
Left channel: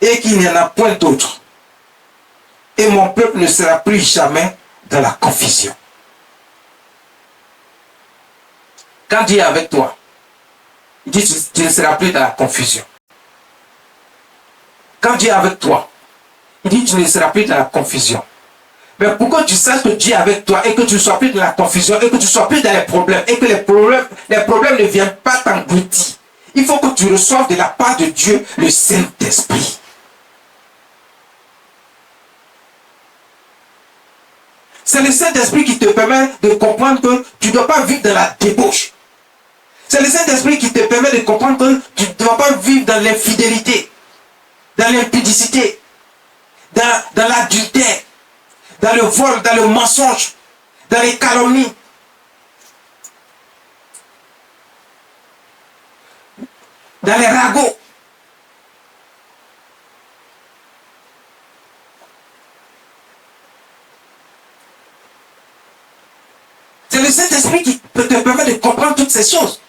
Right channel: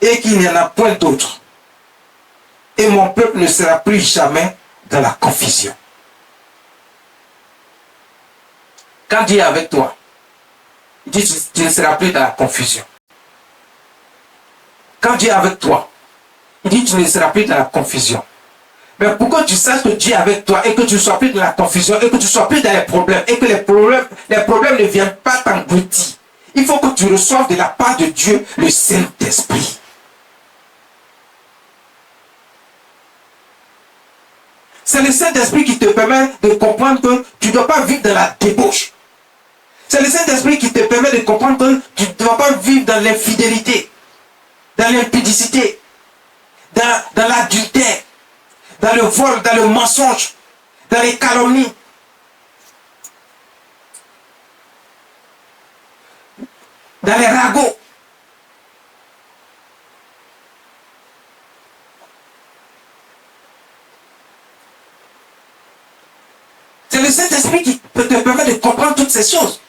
et qu'il n'y en a point d'autre. Et mon peuple ne sera plus jamais dans la confusion. Quand Dieu est avec toi, il dit, tu ne seras plus dans la confusion. Quand Dieu est avec toi, il dit, tu ne seras plus dans la confusion. Mais pour que tu saches que Dieu est avec toi et que tu ne sois plus dans la confusion et que tu ne sois plus dans les problèmes et que les problèmes ne viennent pas t'engloutir, il faut que tu reçoives de la part de Dieu le Saint-Esprit. C'est le Saint-Esprit qui te permet de comprendre que tu ne dois pas vivre dans la débauche. C'est le Saint-Esprit qui te permet de comprendre que tu ne vas pas vivre dans l'infidélité, dans l'impudicité, dans l'adultère, dans le vol, dans le mensonge, dans les calomnies. Dans les ragots. C'est le Saint-Esprit qui te permet de comprendre toutes ces choses.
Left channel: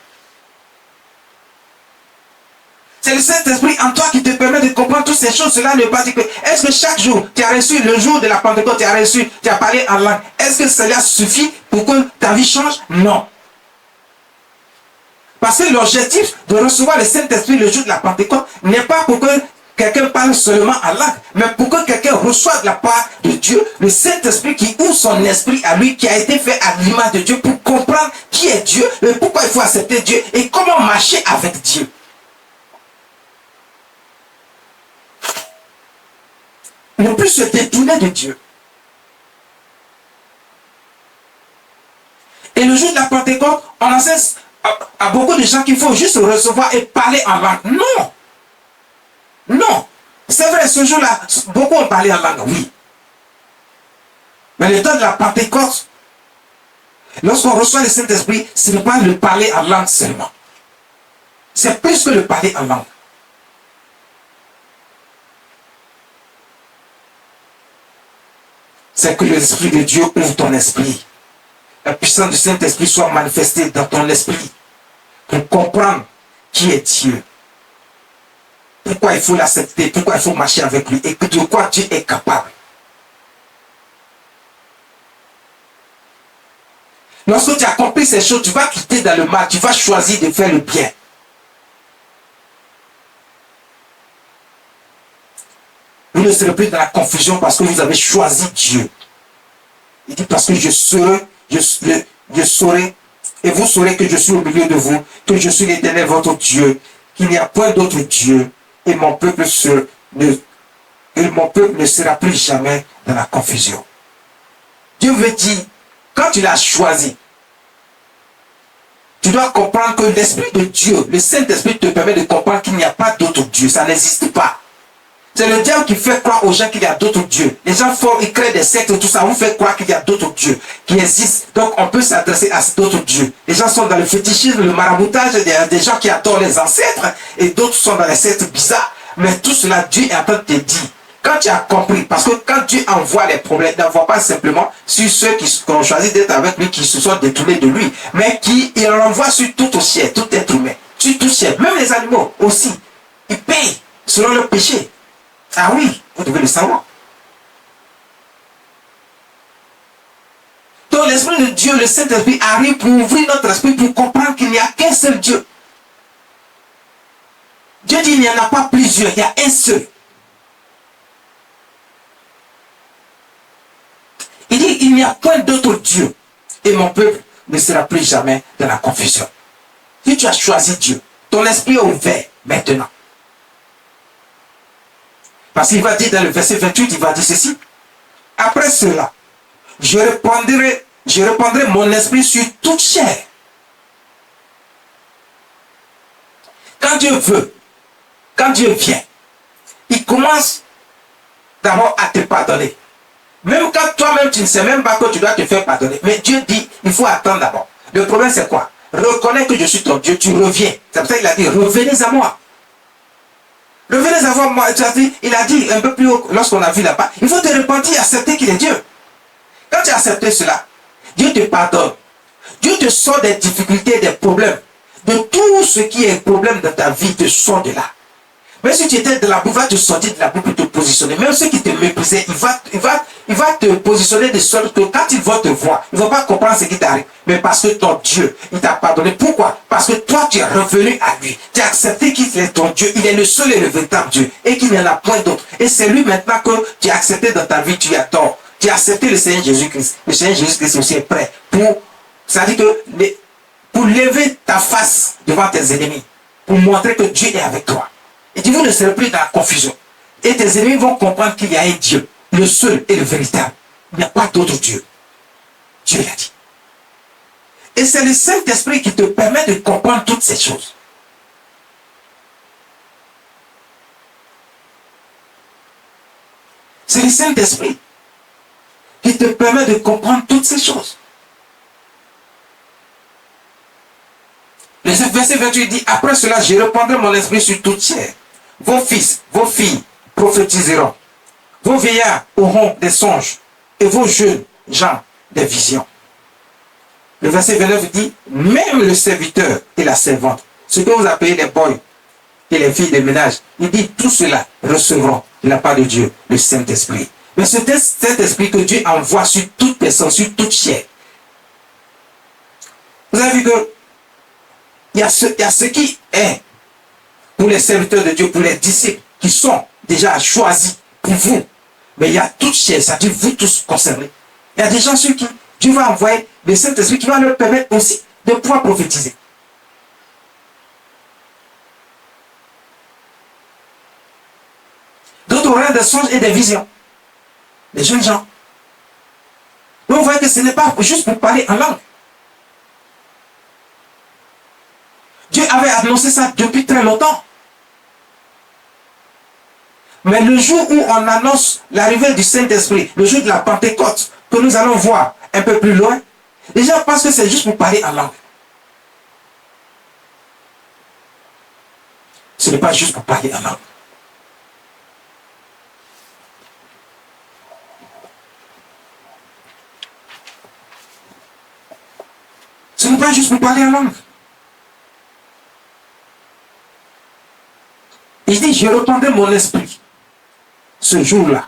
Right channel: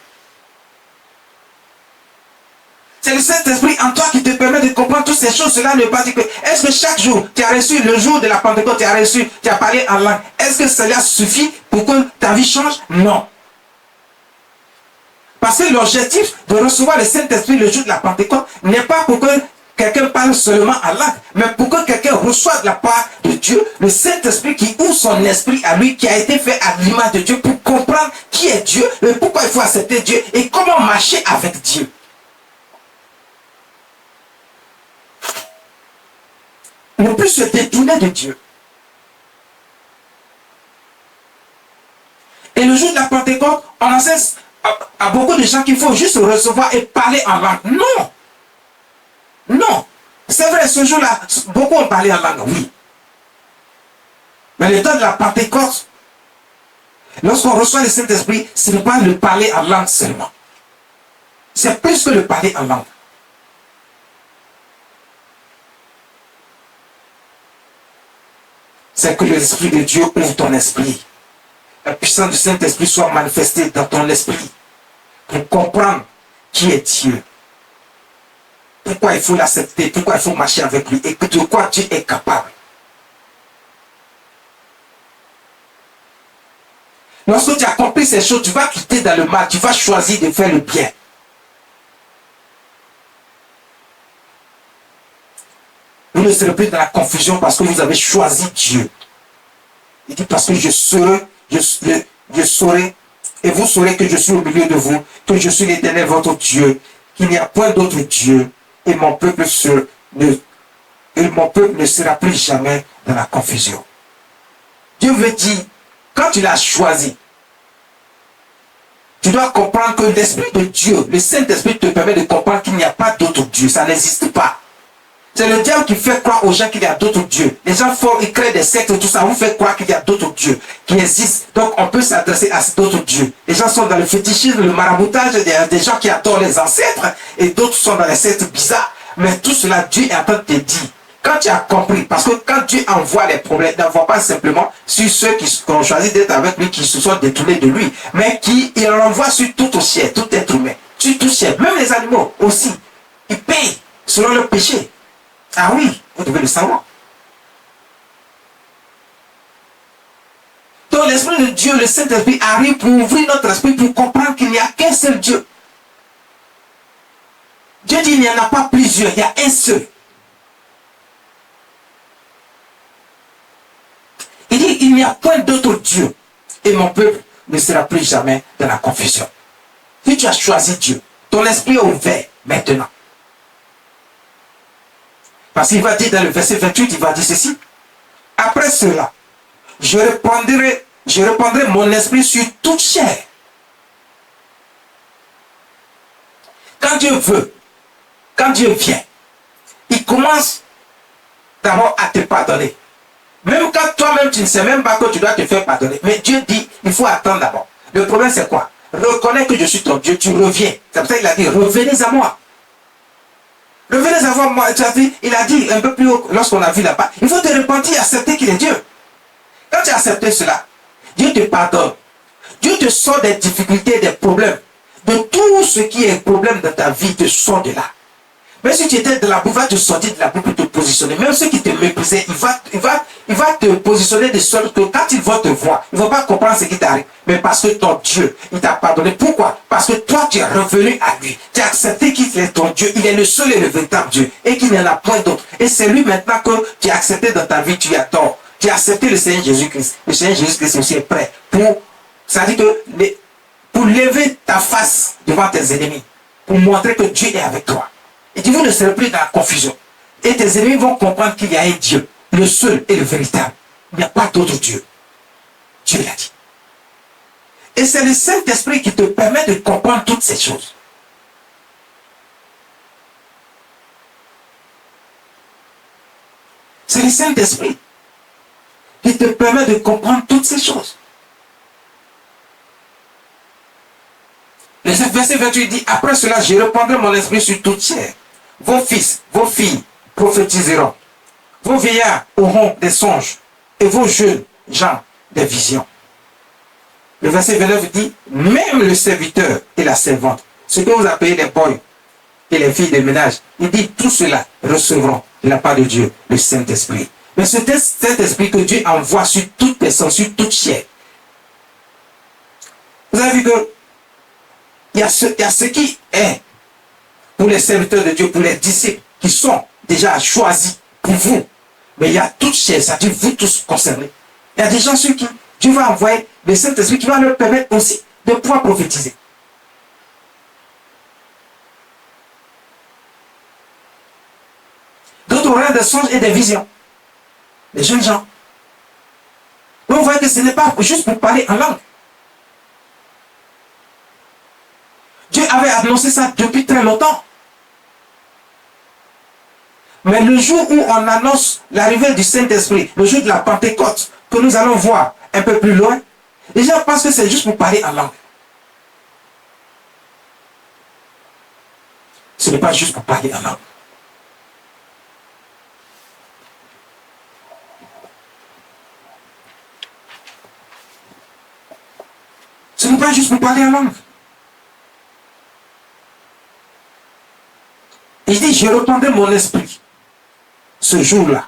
C'est le Saint-Esprit en toi qui te permet de comprendre toutes ces choses. Cela ne veut pas dire que, est-ce que chaque jour, tu as reçu, le jour de la Pentecôte, tu as parlé en langue. Est-ce que cela suffit pour que ta vie change? Non. Parce que l'objectif de recevoir le Saint-Esprit le jour de la Pentecôte n'est pas pour que quelqu'un parle seulement en langue, mais pour que quelqu'un reçoive de la part de Dieu le Saint-Esprit qui ouvre son esprit à lui, qui a été fait à l'image de Dieu pour comprendre qui est Dieu, et pourquoi il faut accepter Dieu et comment marcher avec Dieu. Ne plus se détourner de Dieu. Et le jour de la Pentecôte, on enseigne à beaucoup de gens qu'il faut juste recevoir et parler en langue. Non. Non. C'est vrai, ce jour-là, beaucoup ont parlé en langue, oui. Mais le temps de la Pentecôte, lorsqu'on reçoit le Saint-Esprit, ce n'est pas le parler en langue seulement. C'est plus que le parler en langue. C'est que l'Esprit de Dieu ouvre ton esprit. La puissance du Saint-Esprit soit manifestée dans ton esprit pour comprendre qui est Dieu. Pourquoi il faut l'accepter, pourquoi il faut marcher avec lui et de quoi Dieu est capable. Lorsque tu as compris ces choses, tu vas quitter dans le mal, tu vas choisir de faire le bien. Vous ne serez plus dans la confusion parce que vous avez choisi Dieu. Il dit parce que je saurai, et vous saurez que je suis au milieu de vous, que je suis l'Éternel votre Dieu, qu'il n'y a point d'autre Dieu, et mon peuple ne sera plus jamais dans la confusion. Dieu veut dire, quand tu l'as choisi, tu dois comprendre que l'Esprit de Dieu, le Saint-Esprit te permet de comprendre qu'il n'y a pas d'autre Dieu, ça n'existe pas. C'est le diable qui fait croire aux gens qu'il y a d'autres dieux. Les gens font, ils créent des sectes et tout ça, vous faites croire qu'il y a d'autres dieux qui existent. Donc on peut s'adresser à d'autres dieux. Les gens sont dans le fétichisme, le maraboutage, il y a des gens qui adorent les ancêtres et d'autres sont dans les sectes bizarres. Mais tout cela, Dieu est en train de te dire. Quand tu as compris, parce que quand Dieu envoie les problèmes, il n'envoie pas simplement sur ceux qui ont choisi d'être avec lui, qui se sont détournés de lui, mais il envoie sur tout au ciel, tout être humain, sur tout ciel, même les animaux aussi. Ils payent selon leur péché. Ah oui, vous devez le savoir. Donc l'Esprit de Dieu, le Saint-Esprit, arrive pour ouvrir notre esprit, pour comprendre qu'il n'y a qu'un seul Dieu. Dieu dit il n'y en a pas plusieurs, il y a un seul. Il dit il n'y a point d'autre Dieu. Et mon peuple ne sera plus jamais dans la confusion. Si tu as choisi Dieu, ton esprit est ouvert maintenant. Parce qu'il va dire dans le verset 28, il va dire ceci. Après cela, je répandrai mon esprit sur toute chair. Quand Dieu veut, quand Dieu vient, il commence d'abord à te pardonner. Même quand toi-même, tu ne sais même pas que tu dois te faire pardonner. Mais Dieu dit, il faut attendre d'abord. Le problème, c'est quoi? Reconnais que je suis ton Dieu, tu reviens. C'est pour ça qu'il a dit, revenez à moi. Revenez à moi, il a dit un peu plus haut, lorsqu'on a vu là-bas, il faut te repentir et accepter qu'il est Dieu. Quand tu as accepté cela, Dieu te pardonne. Dieu te sort des difficultés, des problèmes. De tout ce qui est problème dans ta vie, te sort de là. Même si tu étais de la boue, il va te sortir de la boue pour te positionner. Même ceux qui te méprisaient, il va te positionner de sorte que quand ils vont te voir, ils ne vont pas comprendre ce qui t'arrive. Mais parce que ton Dieu, il t'a pardonné. Pourquoi? Parce que toi, tu es revenu à lui. Tu as accepté qu'il est ton Dieu. Il est le seul et le véritable Dieu. Et qu'il n'y en a point d'autre. Et c'est lui maintenant que tu as accepté dans ta vie, tu as tort. Tu as accepté le Seigneur Jésus-Christ. Le Seigneur Jésus-Christ aussi est prêt ça dit que pour lever ta face devant tes ennemis, pour montrer que Dieu est avec toi. Il dit, vous ne serez plus dans la confusion. Et tes ennemis vont comprendre qu'il y a un Dieu, le seul et le véritable. Il n'y a pas d'autre Dieu. Dieu l'a dit. Et c'est le Saint-Esprit qui te permet de comprendre toutes ces choses. C'est le Saint-Esprit qui te permet de comprendre toutes ces choses. Le verset 28 dit, après cela, je répandrai mon esprit sur toute chair. Vos fils, vos filles prophétiseront. Vos vieillards auront des songes. Et vos jeunes gens des visions. Le verset 29 dit, même le serviteur et la servante, ce que vous appelez les boys et les filles de ménage, il dit, tout cela recevront de la part de Dieu, le Saint-Esprit. Mais c'est cet esprit que Dieu envoie sur toute personne, sur toute chair. Vous avez vu que il y a ce qui est pour les serviteurs de Dieu, pour les disciples qui sont déjà choisis pour vous. Mais il y a toute chair, ça dit vous tous concernés. Il y a des gens sur qui Dieu va envoyer le Saint-Esprit qui va leur permettre aussi de pouvoir prophétiser. D'autres auront des songes et des visions. Les jeunes gens. Donc vous voyez que ce n'est pas juste pour parler en langue. Dieu avait annoncé ça depuis très longtemps. Mais le jour où on annonce l'arrivée du Saint-Esprit, le jour de la Pentecôte, que nous allons voir un peu plus loin, les gens pensent que c'est juste pour parler en langue. Ce n'est pas juste pour parler en langue. Ce n'est pas juste pour parler en langue. Il dit, je répandrai mon esprit ce jour-là.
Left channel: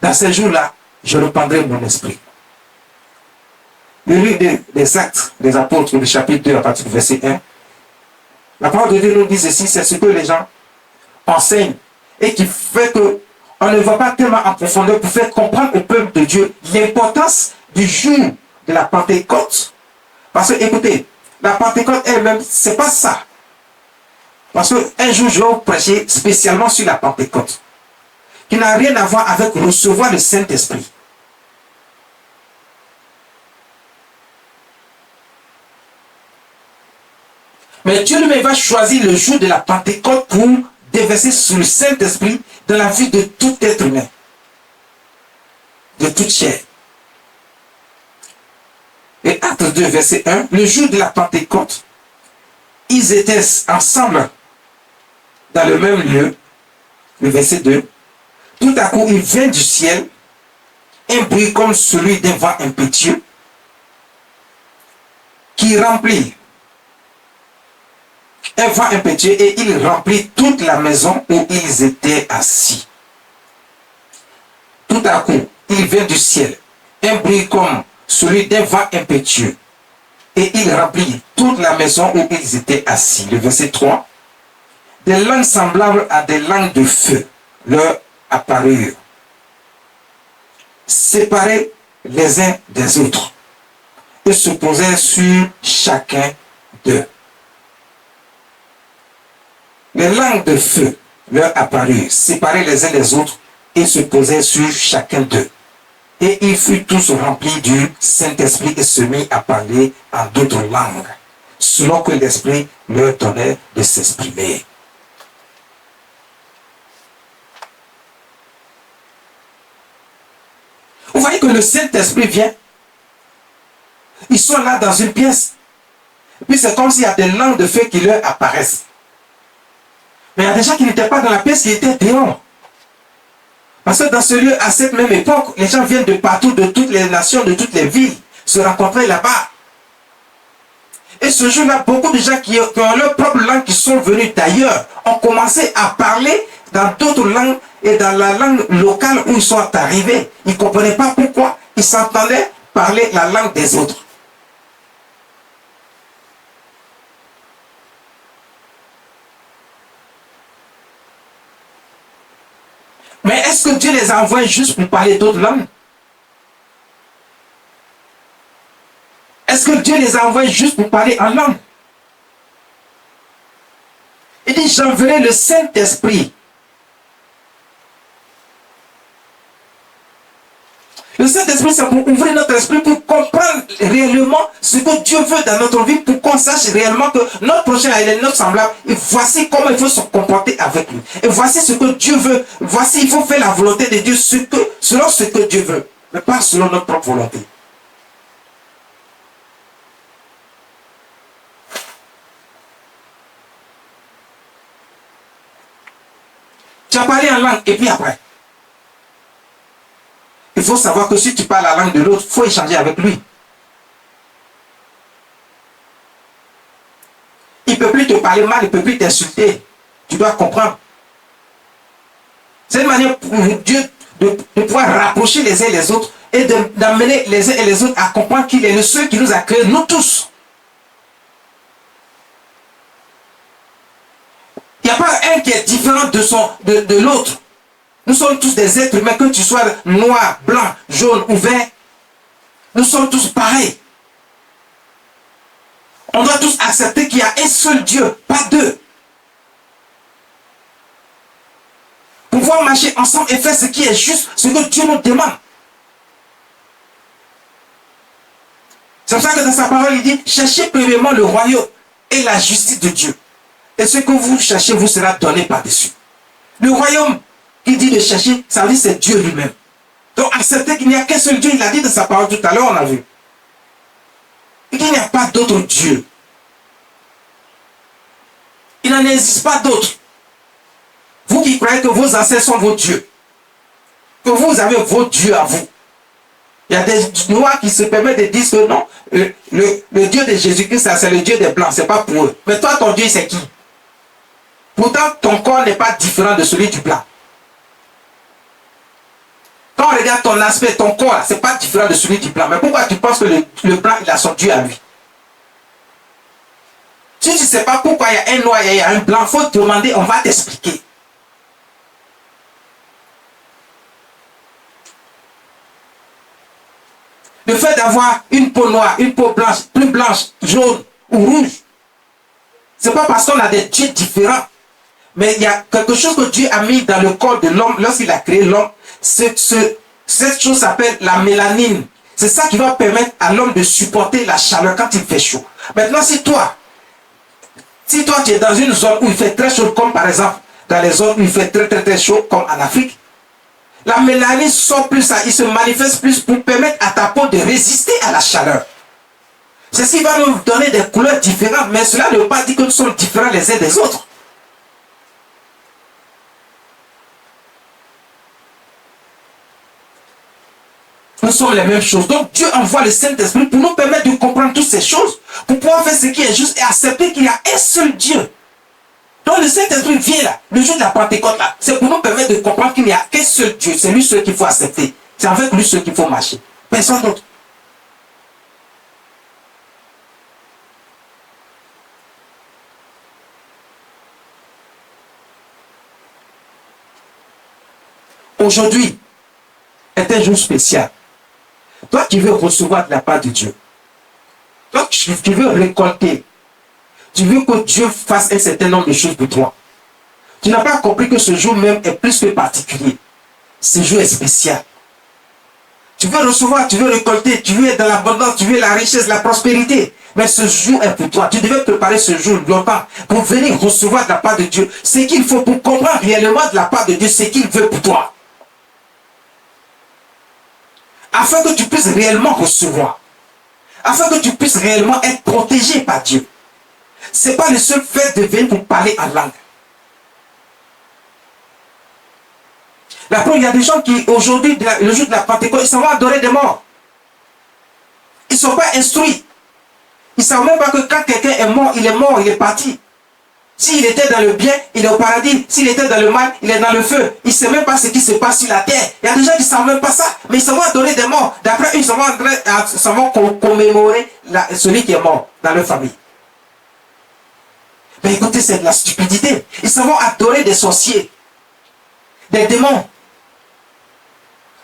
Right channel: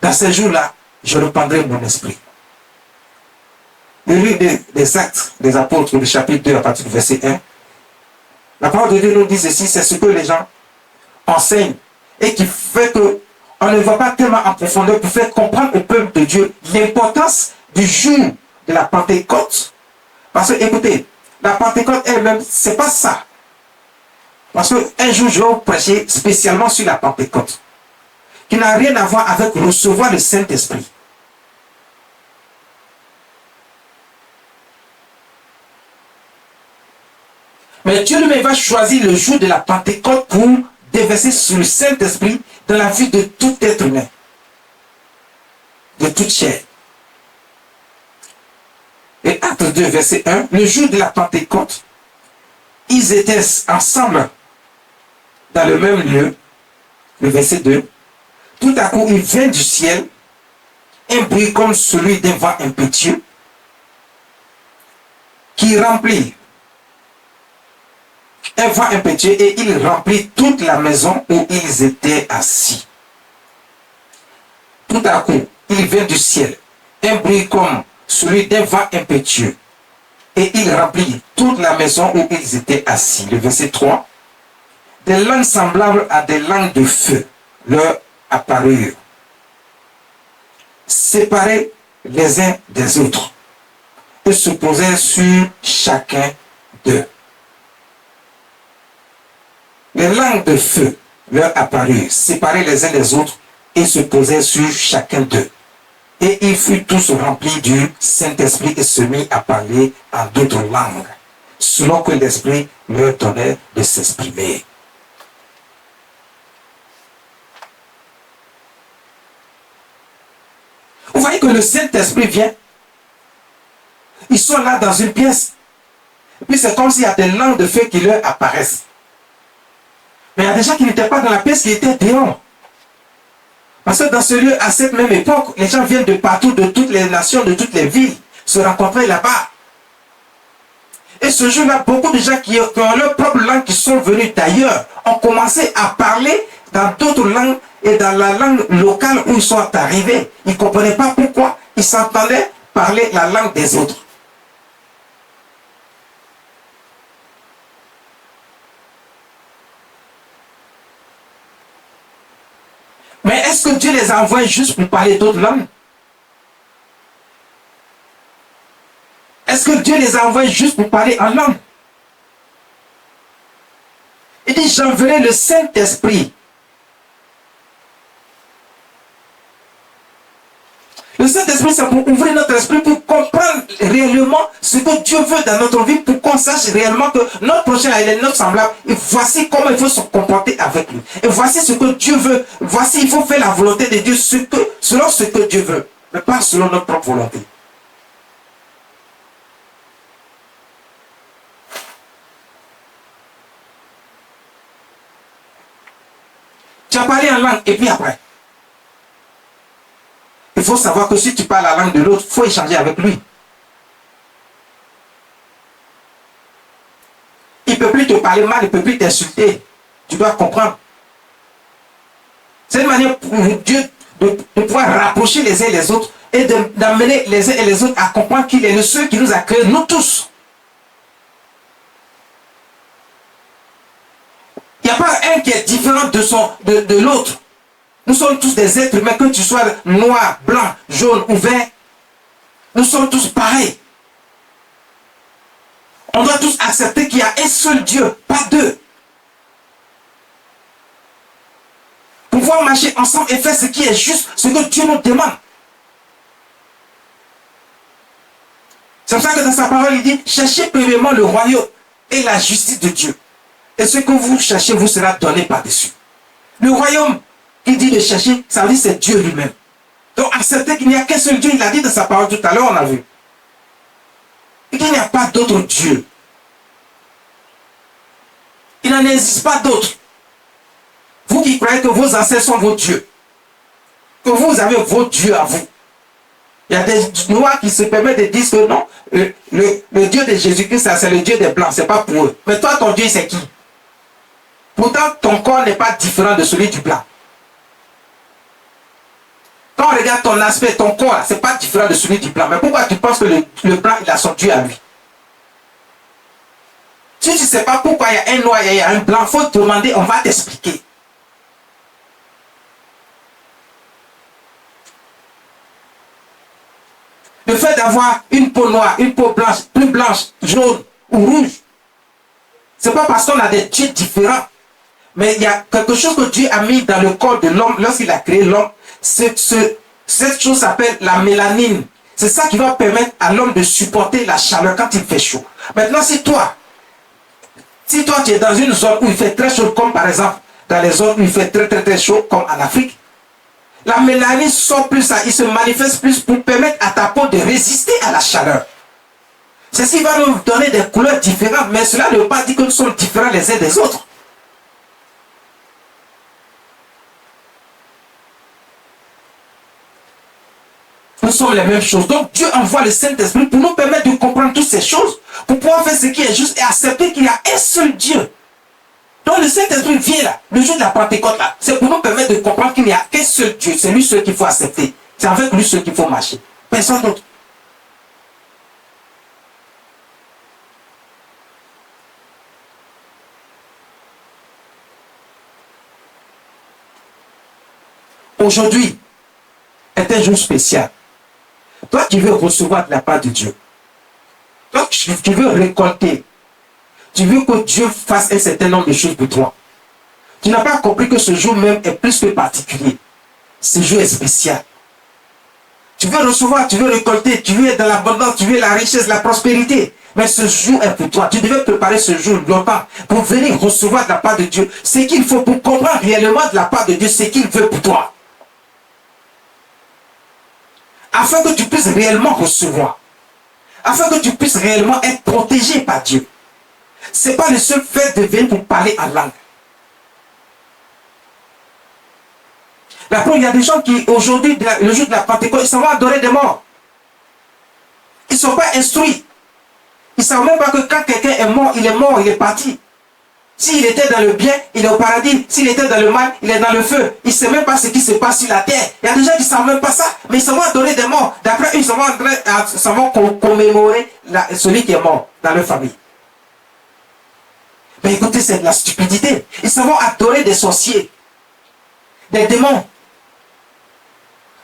Dans ce jour-là, je répandrai mon esprit. Le livre des Actes des Apôtres, le chapitre 2, à partir du verset 1, la parole de Dieu nous dit ceci, c'est ce que les gens enseignent et qui fait que on ne va pas tellement en profondeur pour faire comprendre au peuple de Dieu l'importance du jour de la Pentecôte. Parce que, écoutez, la Pentecôte elle-même, c'est pas ça. Parce qu'un jour, je vais vous prêcher spécialement sur la Pentecôte, qui n'a rien à voir avec recevoir le Saint-Esprit. Mais Dieu lui-même va choisir le jour de la Pentecôte pour déverser sur le Saint-Esprit dans la vie de tout être humain, de toute chair. Et Acte 2, verset 1, le jour de la Pentecôte, ils étaient ensemble dans le même lieu, le verset 2, tout à coup, il vient du ciel un bruit comme celui d'un vent impétueux qui remplit, un vent impétueux, et il remplit toute la maison où ils étaient assis. Tout à coup, il vient du ciel un bruit comme celui d'un vent impétueux, et il remplit toute la maison où ils étaient assis. Le verset 3, des langues semblables à des langues de feu leur apparurent, séparés les uns des autres, et se posaient sur chacun d'eux. Les langues de feu leur apparurent, séparés les uns des autres, et se posaient sur chacun d'eux. Et ils furent tous remplis du Saint-Esprit et se mit à parler en d'autres langues, selon que l'Esprit leur donnait de s'exprimer. Vous voyez que le Saint-Esprit vient. Ils sont là dans une pièce. Et puis c'est comme s'il y a des langues de feu qui leur apparaissent. Mais il y a des gens qui n'étaient pas dans la pièce, qui étaient dehors. Parce que dans ce lieu, à cette même époque, les gens viennent de partout, de toutes les nations, de toutes les villes, se rencontrer là-bas. Et ce jour-là, beaucoup de gens qui ont leur propre langue, qui sont venus d'ailleurs, ont commencé à parler dans d'autres langues et dans la langue locale où ils sont arrivés. Ils ne comprenaient pas pourquoi ils s'entendaient parler la langue des autres. Mais est-ce que Dieu les a envoyés juste pour parler d'autres langues? Est-ce que Dieu les a envoyés juste pour parler en langue? Il dit, j'enverrai le Saint-Esprit. Le Saint-Esprit, c'est pour ouvrir notre esprit, pour comprendre réellement ce que Dieu veut dans notre vie, pour qu'on sache réellement que notre prochain est notre semblable. Et voici comment il faut se comporter avec lui. Et voici ce que Dieu veut. Voici, il faut faire la volonté de Dieu selon ce que Dieu veut, mais pas selon notre propre volonté. Tu as parlé en langue, et puis après, il faut savoir que si tu parles la langue de l'autre, il faut échanger avec lui. Il ne peut plus te parler mal, il ne peut plus t'insulter. Tu dois comprendre. C'est une manière pour Dieu de pouvoir rapprocher les uns et les autres et d'amener les uns et les autres à comprendre qu'il est le seul qui nous a créés, nous tous. Il n'y a pas un qui est différent de l'autre. Nous sommes tous des êtres humains, que tu sois noir, blanc, jaune ou vert. Nous sommes tous pareils. On doit tous accepter qu'il y a un seul Dieu, pas deux. Pouvoir marcher ensemble et faire ce qui est juste, ce que Dieu nous demande. C'est pour ça que dans sa parole, il dit, cherchez premièrement le royaume et la justice de Dieu. Et ce que vous cherchez vous sera donné par-dessus. Le royaume qui dit de chercher, ça veut dire c'est Dieu lui-même. Donc accepter qu'il n'y a qu'un seul Dieu, il a dit dans sa parole tout à l'heure, on a vu. Il n'y a pas d'autre Dieu. Il n'en existe pas d'autre. Vous qui croyez que vos ancêtres sont vos dieux, que vous avez vos dieux à vous. Il y a des noirs qui se permettent de dire que non, le Dieu de Jésus-Christ, c'est le Dieu des blancs, c'est pas pour eux. Mais toi, ton Dieu, c'est qui? Pourtant, ton corps n'est pas différent de celui du blanc. Quand on regarde ton aspect, ton corps, c'est pas différent de celui du blanc. Mais pourquoi tu penses que le blanc, il a son Dieu à lui? Si tu ne sais pas pourquoi il y a un noir et il y a un blanc, il faut te demander, on va t'expliquer. Le fait d'avoir une peau noire, une peau blanche, plus blanche, jaune ou rouge, c'est pas parce qu'on a des dieux différents. Mais il y a quelque chose que Dieu a mis dans le corps de l'homme lorsqu'il a créé l'homme. Cette chose s'appelle la mélanine. C'est ça qui va permettre à l'homme de supporter la chaleur quand il fait chaud. Maintenant, si toi tu es dans une zone où il fait très chaud, comme par exemple dans les zones où il fait très très très chaud, comme en Afrique, la mélanine sort plus, il se manifeste plus pour permettre à ta peau de résister à la chaleur. Ceci va nous donner des couleurs différentes, mais cela ne veut pas dire que nous sommes différents les uns des autres. Nous sommes les mêmes choses. Donc Dieu envoie le Saint-Esprit pour nous permettre de comprendre toutes ces choses, pour pouvoir faire ce qui est juste et accepter qu'il y a un seul Dieu. Donc le Saint-Esprit vient là, le jour de la Pentecôte là, c'est pour nous permettre de comprendre qu'il n'y a qu'un seul Dieu. C'est lui seul qu'il faut accepter. C'est avec lui seul qu'il faut marcher. Personne d'autre. Aujourd'hui est un jour spécial. Toi qui veux recevoir de la part de Dieu, toi qui veux récolter, tu veux que Dieu fasse un certain nombre de choses pour toi. Tu n'as pas compris que ce jour même est plus que particulier. Ce jour est spécial. Tu veux recevoir, tu veux récolter, tu veux être dans l'abondance, tu veux la richesse, la prospérité. Mais ce jour est pour toi. Tu devais préparer ce jour longtemps pour venir recevoir de la part de Dieu ce qu'il faut pour comprendre réellement de la part de Dieu ce qu'il veut pour toi. Afin que tu puisses réellement recevoir. Afin que tu puisses réellement être protégé par Dieu. Ce n'est pas le seul fait de venir pour parler en langue. La preuve, il y a des gens qui, aujourd'hui, le jour de la Pentecôte, ils s'en vont adorer des morts. Ils ne sont pas instruits. Ils ne savent même pas que quand quelqu'un est mort, il est parti. S'il était dans le bien, il est au paradis. S'il était dans le mal, il est dans le feu. Il ne sait même pas ce qui se passe sur la terre. Il y a des gens qui ne savent même pas ça, mais ils s'en vont adorer des morts. D'après eux, ils s'en vont commémorer celui qui est mort dans leur famille. Mais écoutez, c'est de la stupidité. Ils s'en vont adorer des sorciers, des démons.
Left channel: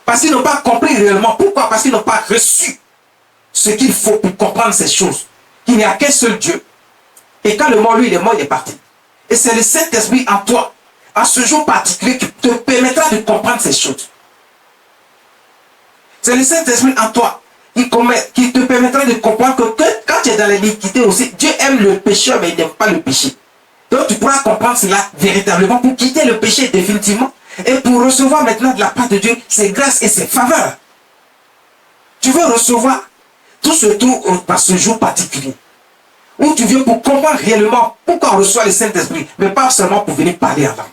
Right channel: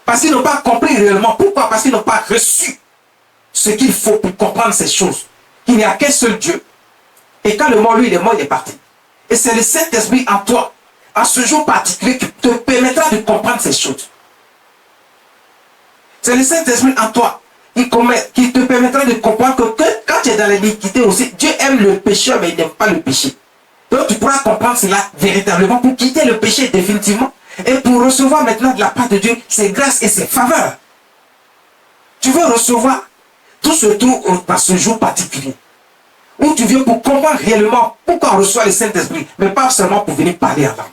Parce qu'ils n'ont pas compris réellement. Pourquoi? Parce qu'ils n'ont pas reçu ce qu'il faut pour comprendre ces choses. Il n'y a qu'un seul Dieu. Et quand le mort, lui, il est mort, il est parti. Et c'est le Saint-Esprit en toi, en ce jour particulier, qui te permettra de comprendre ces choses. C'est le Saint-Esprit en toi qui te permettra de comprendre que quand tu es dans l'iniquité aussi, Dieu aime le pécheur, mais il n'aime pas le péché. Donc tu pourras comprendre cela véritablement pour quitter le péché définitivement et pour recevoir maintenant de la part de Dieu ses grâces et ses faveurs. Tu veux recevoir tout ce tour par ce jour particulier où tu viens pour comprendre réellement pourquoi on reçoit le Saint-Esprit, mais pas seulement pour venir parler en langue.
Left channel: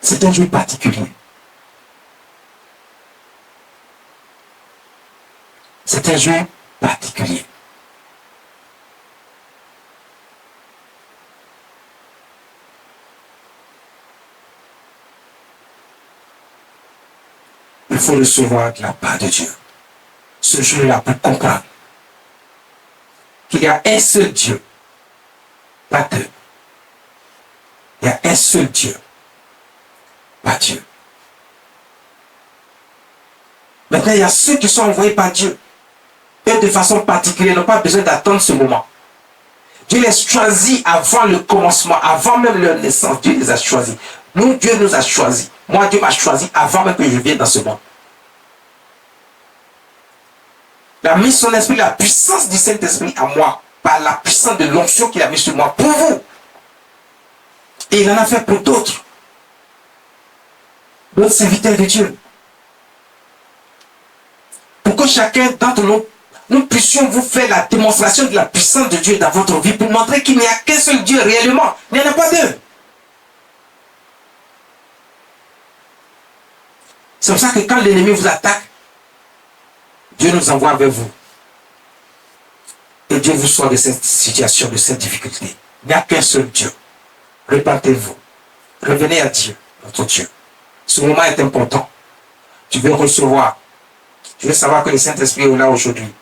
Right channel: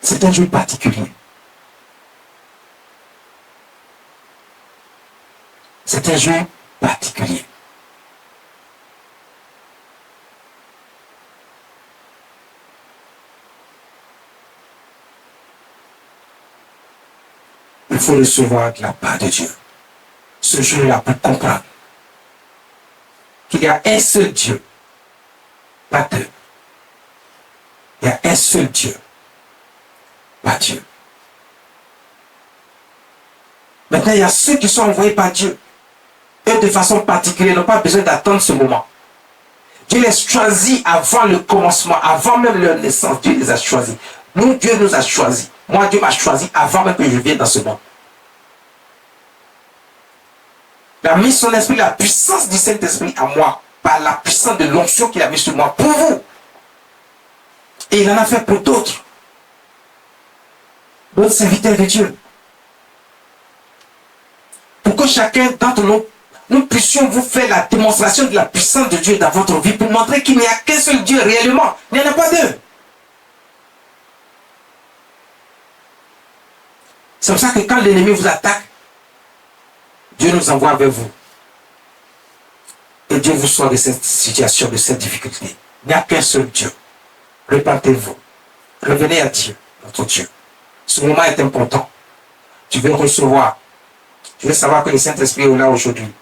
C'est un jour particulier. C'est un jour particulier. Il faut recevoir de la part de Dieu ce jour-là pour comprendre qu'il y a un seul Dieu, pas deux. Il y a un seul Dieu, pas Dieu. Maintenant, il y a ceux qui sont envoyés par Dieu. Eux, de façon particulière, n'ont pas besoin d'attendre ce moment. Dieu les choisit avant le commencement, avant même leur naissance. Dieu les a choisis. Nous, Dieu nous a choisis. Moi, Dieu m'a choisi avant même que je vienne dans ce monde. Il a mis son esprit, la puissance du Saint-Esprit à moi, par la puissance de l'onction qu'il a mis sur moi pour vous. Et il en a fait pour d'autres. D'autres serviteurs de Dieu. Pour que chacun d'entre nous puissions vous faire la démonstration de la puissance de Dieu dans votre vie pour montrer qu'il n'y a qu'un seul Dieu réellement. Il n'y en a pas deux. C'est pour ça que quand l'ennemi vous attaque, Dieu nous envoie vers vous. Et Dieu vous sort de cette situation, de cette difficulté. Il n'y a qu'un seul Dieu. Répentez-vous. Revenez à Dieu, notre Dieu. Ce moment est important. Tu veux recevoir. Tu veux savoir que le Saint-Esprit est là aujourd'hui.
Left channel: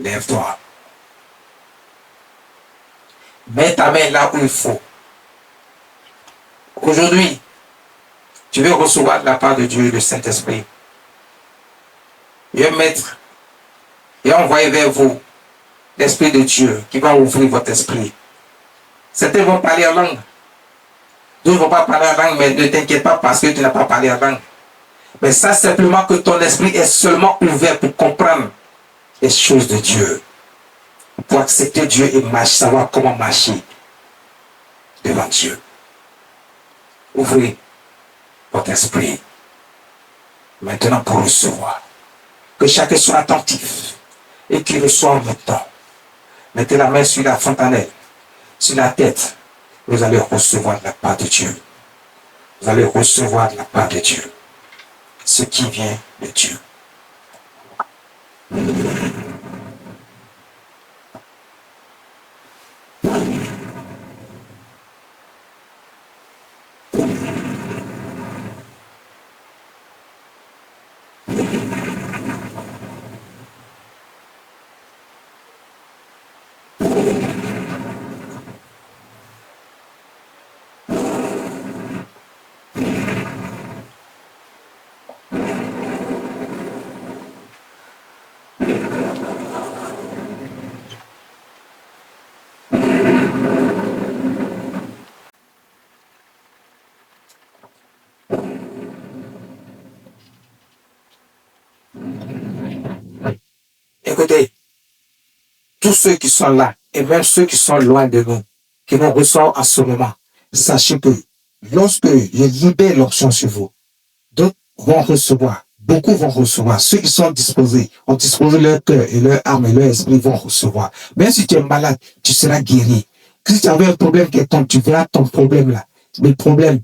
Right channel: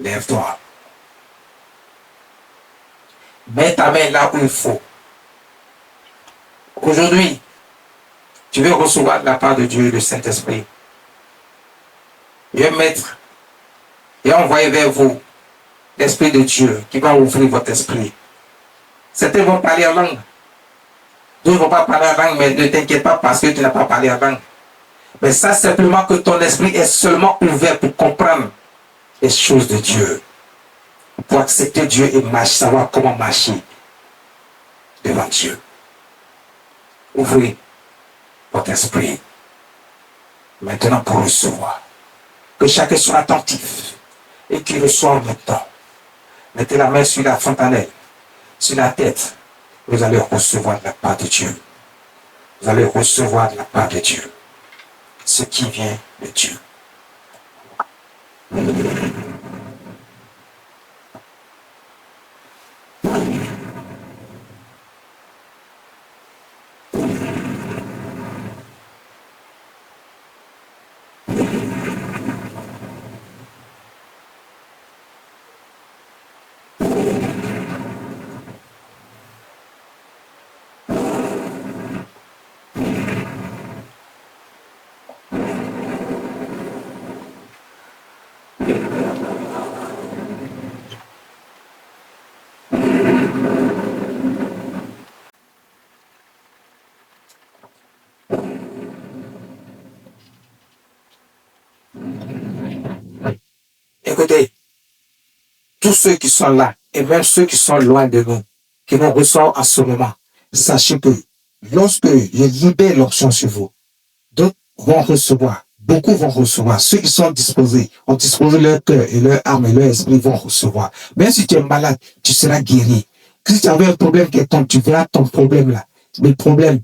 Lève-toi. Mets ta main là où il faut. Aujourd'hui, tu veux recevoir de la part de Dieu le Saint-Esprit. Il va mettre et envoyer vers vous l'Esprit de Dieu qui va ouvrir votre esprit. Certains vont parler en langue. D'autres ne vont pas parler en langue, mais ne t'inquiète pas parce que tu n'as pas parlé en langue. Mais ça, simplement que ton esprit est seulement ouvert pour comprendre les choses de Dieu. Pour accepter Dieu et savoir comment marcher devant Dieu. Ouvrez votre esprit. Maintenant pour recevoir. Que chacun soit attentif et qu'il reçoive maintenant. Mettez la main sur la fontanelle, sur la tête. Vous allez recevoir de la part de Dieu. Vous allez recevoir de la part de Dieu ce qui vient de Dieu. Écoutez, tous ceux qui sont là, et même ceux qui sont loin de nous, qui nous reçoivent en ce moment, sachez que lorsque je libère l'onction sur vous, d'autres vont recevoir, beaucoup vont recevoir. Ceux qui sont disposés, ont disposé leur cœur et leur âme et leur esprit vont recevoir. Même si tu es malade, tu seras guéri. Si tu avais un problème quelconque, tu verras ton problème là. Le problème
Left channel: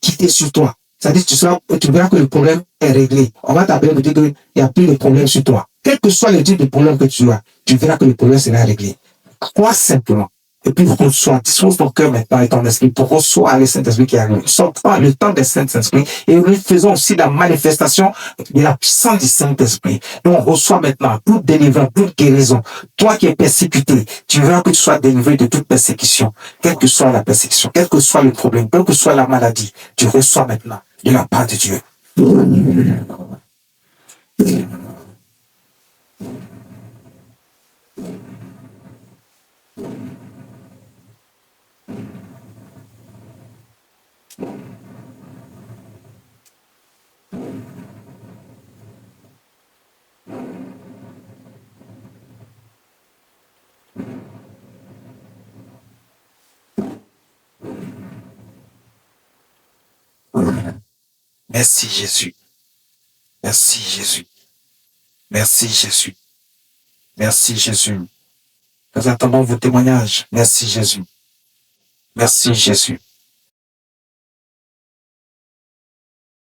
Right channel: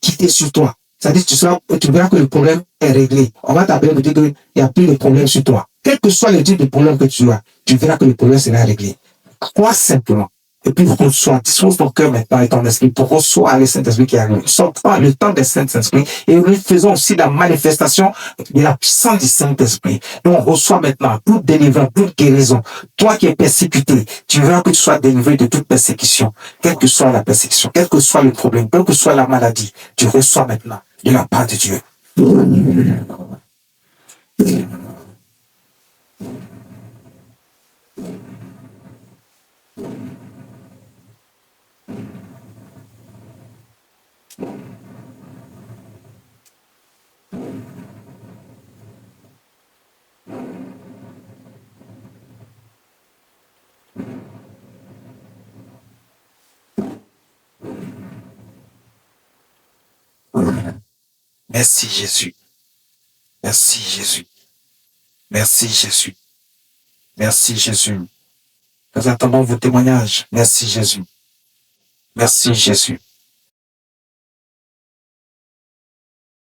quitter sur toi. C'est-à-dire tu verras que le problème est réglé. On va t'appeler pour dire qu'il n'y a plus de problème sur toi. Quel que soit le type de problème que tu as, tu verras que le problème sera réglé. Crois simplement. Et puis reçois, dispose ton cœur maintenant et ton esprit pour recevoir le Saint-Esprit qui arrive. Nous sommes pas le temps des Saint-Esprit et nous faisons aussi la manifestation de la puissance du Saint-Esprit. Donc on reçoit maintenant toute délivrance, toute guérison. Toi qui es persécuté, tu verras que tu sois délivré de toute persécution. Quelle que soit la persécution, quel que soit le problème, quelle que soit la maladie, tu reçois maintenant de la part de Dieu. Merci Jésus. Merci Jésus. Merci Jésus. Merci Jésus. Nous attendons vos témoignages. Merci Jésus. Merci Jésus.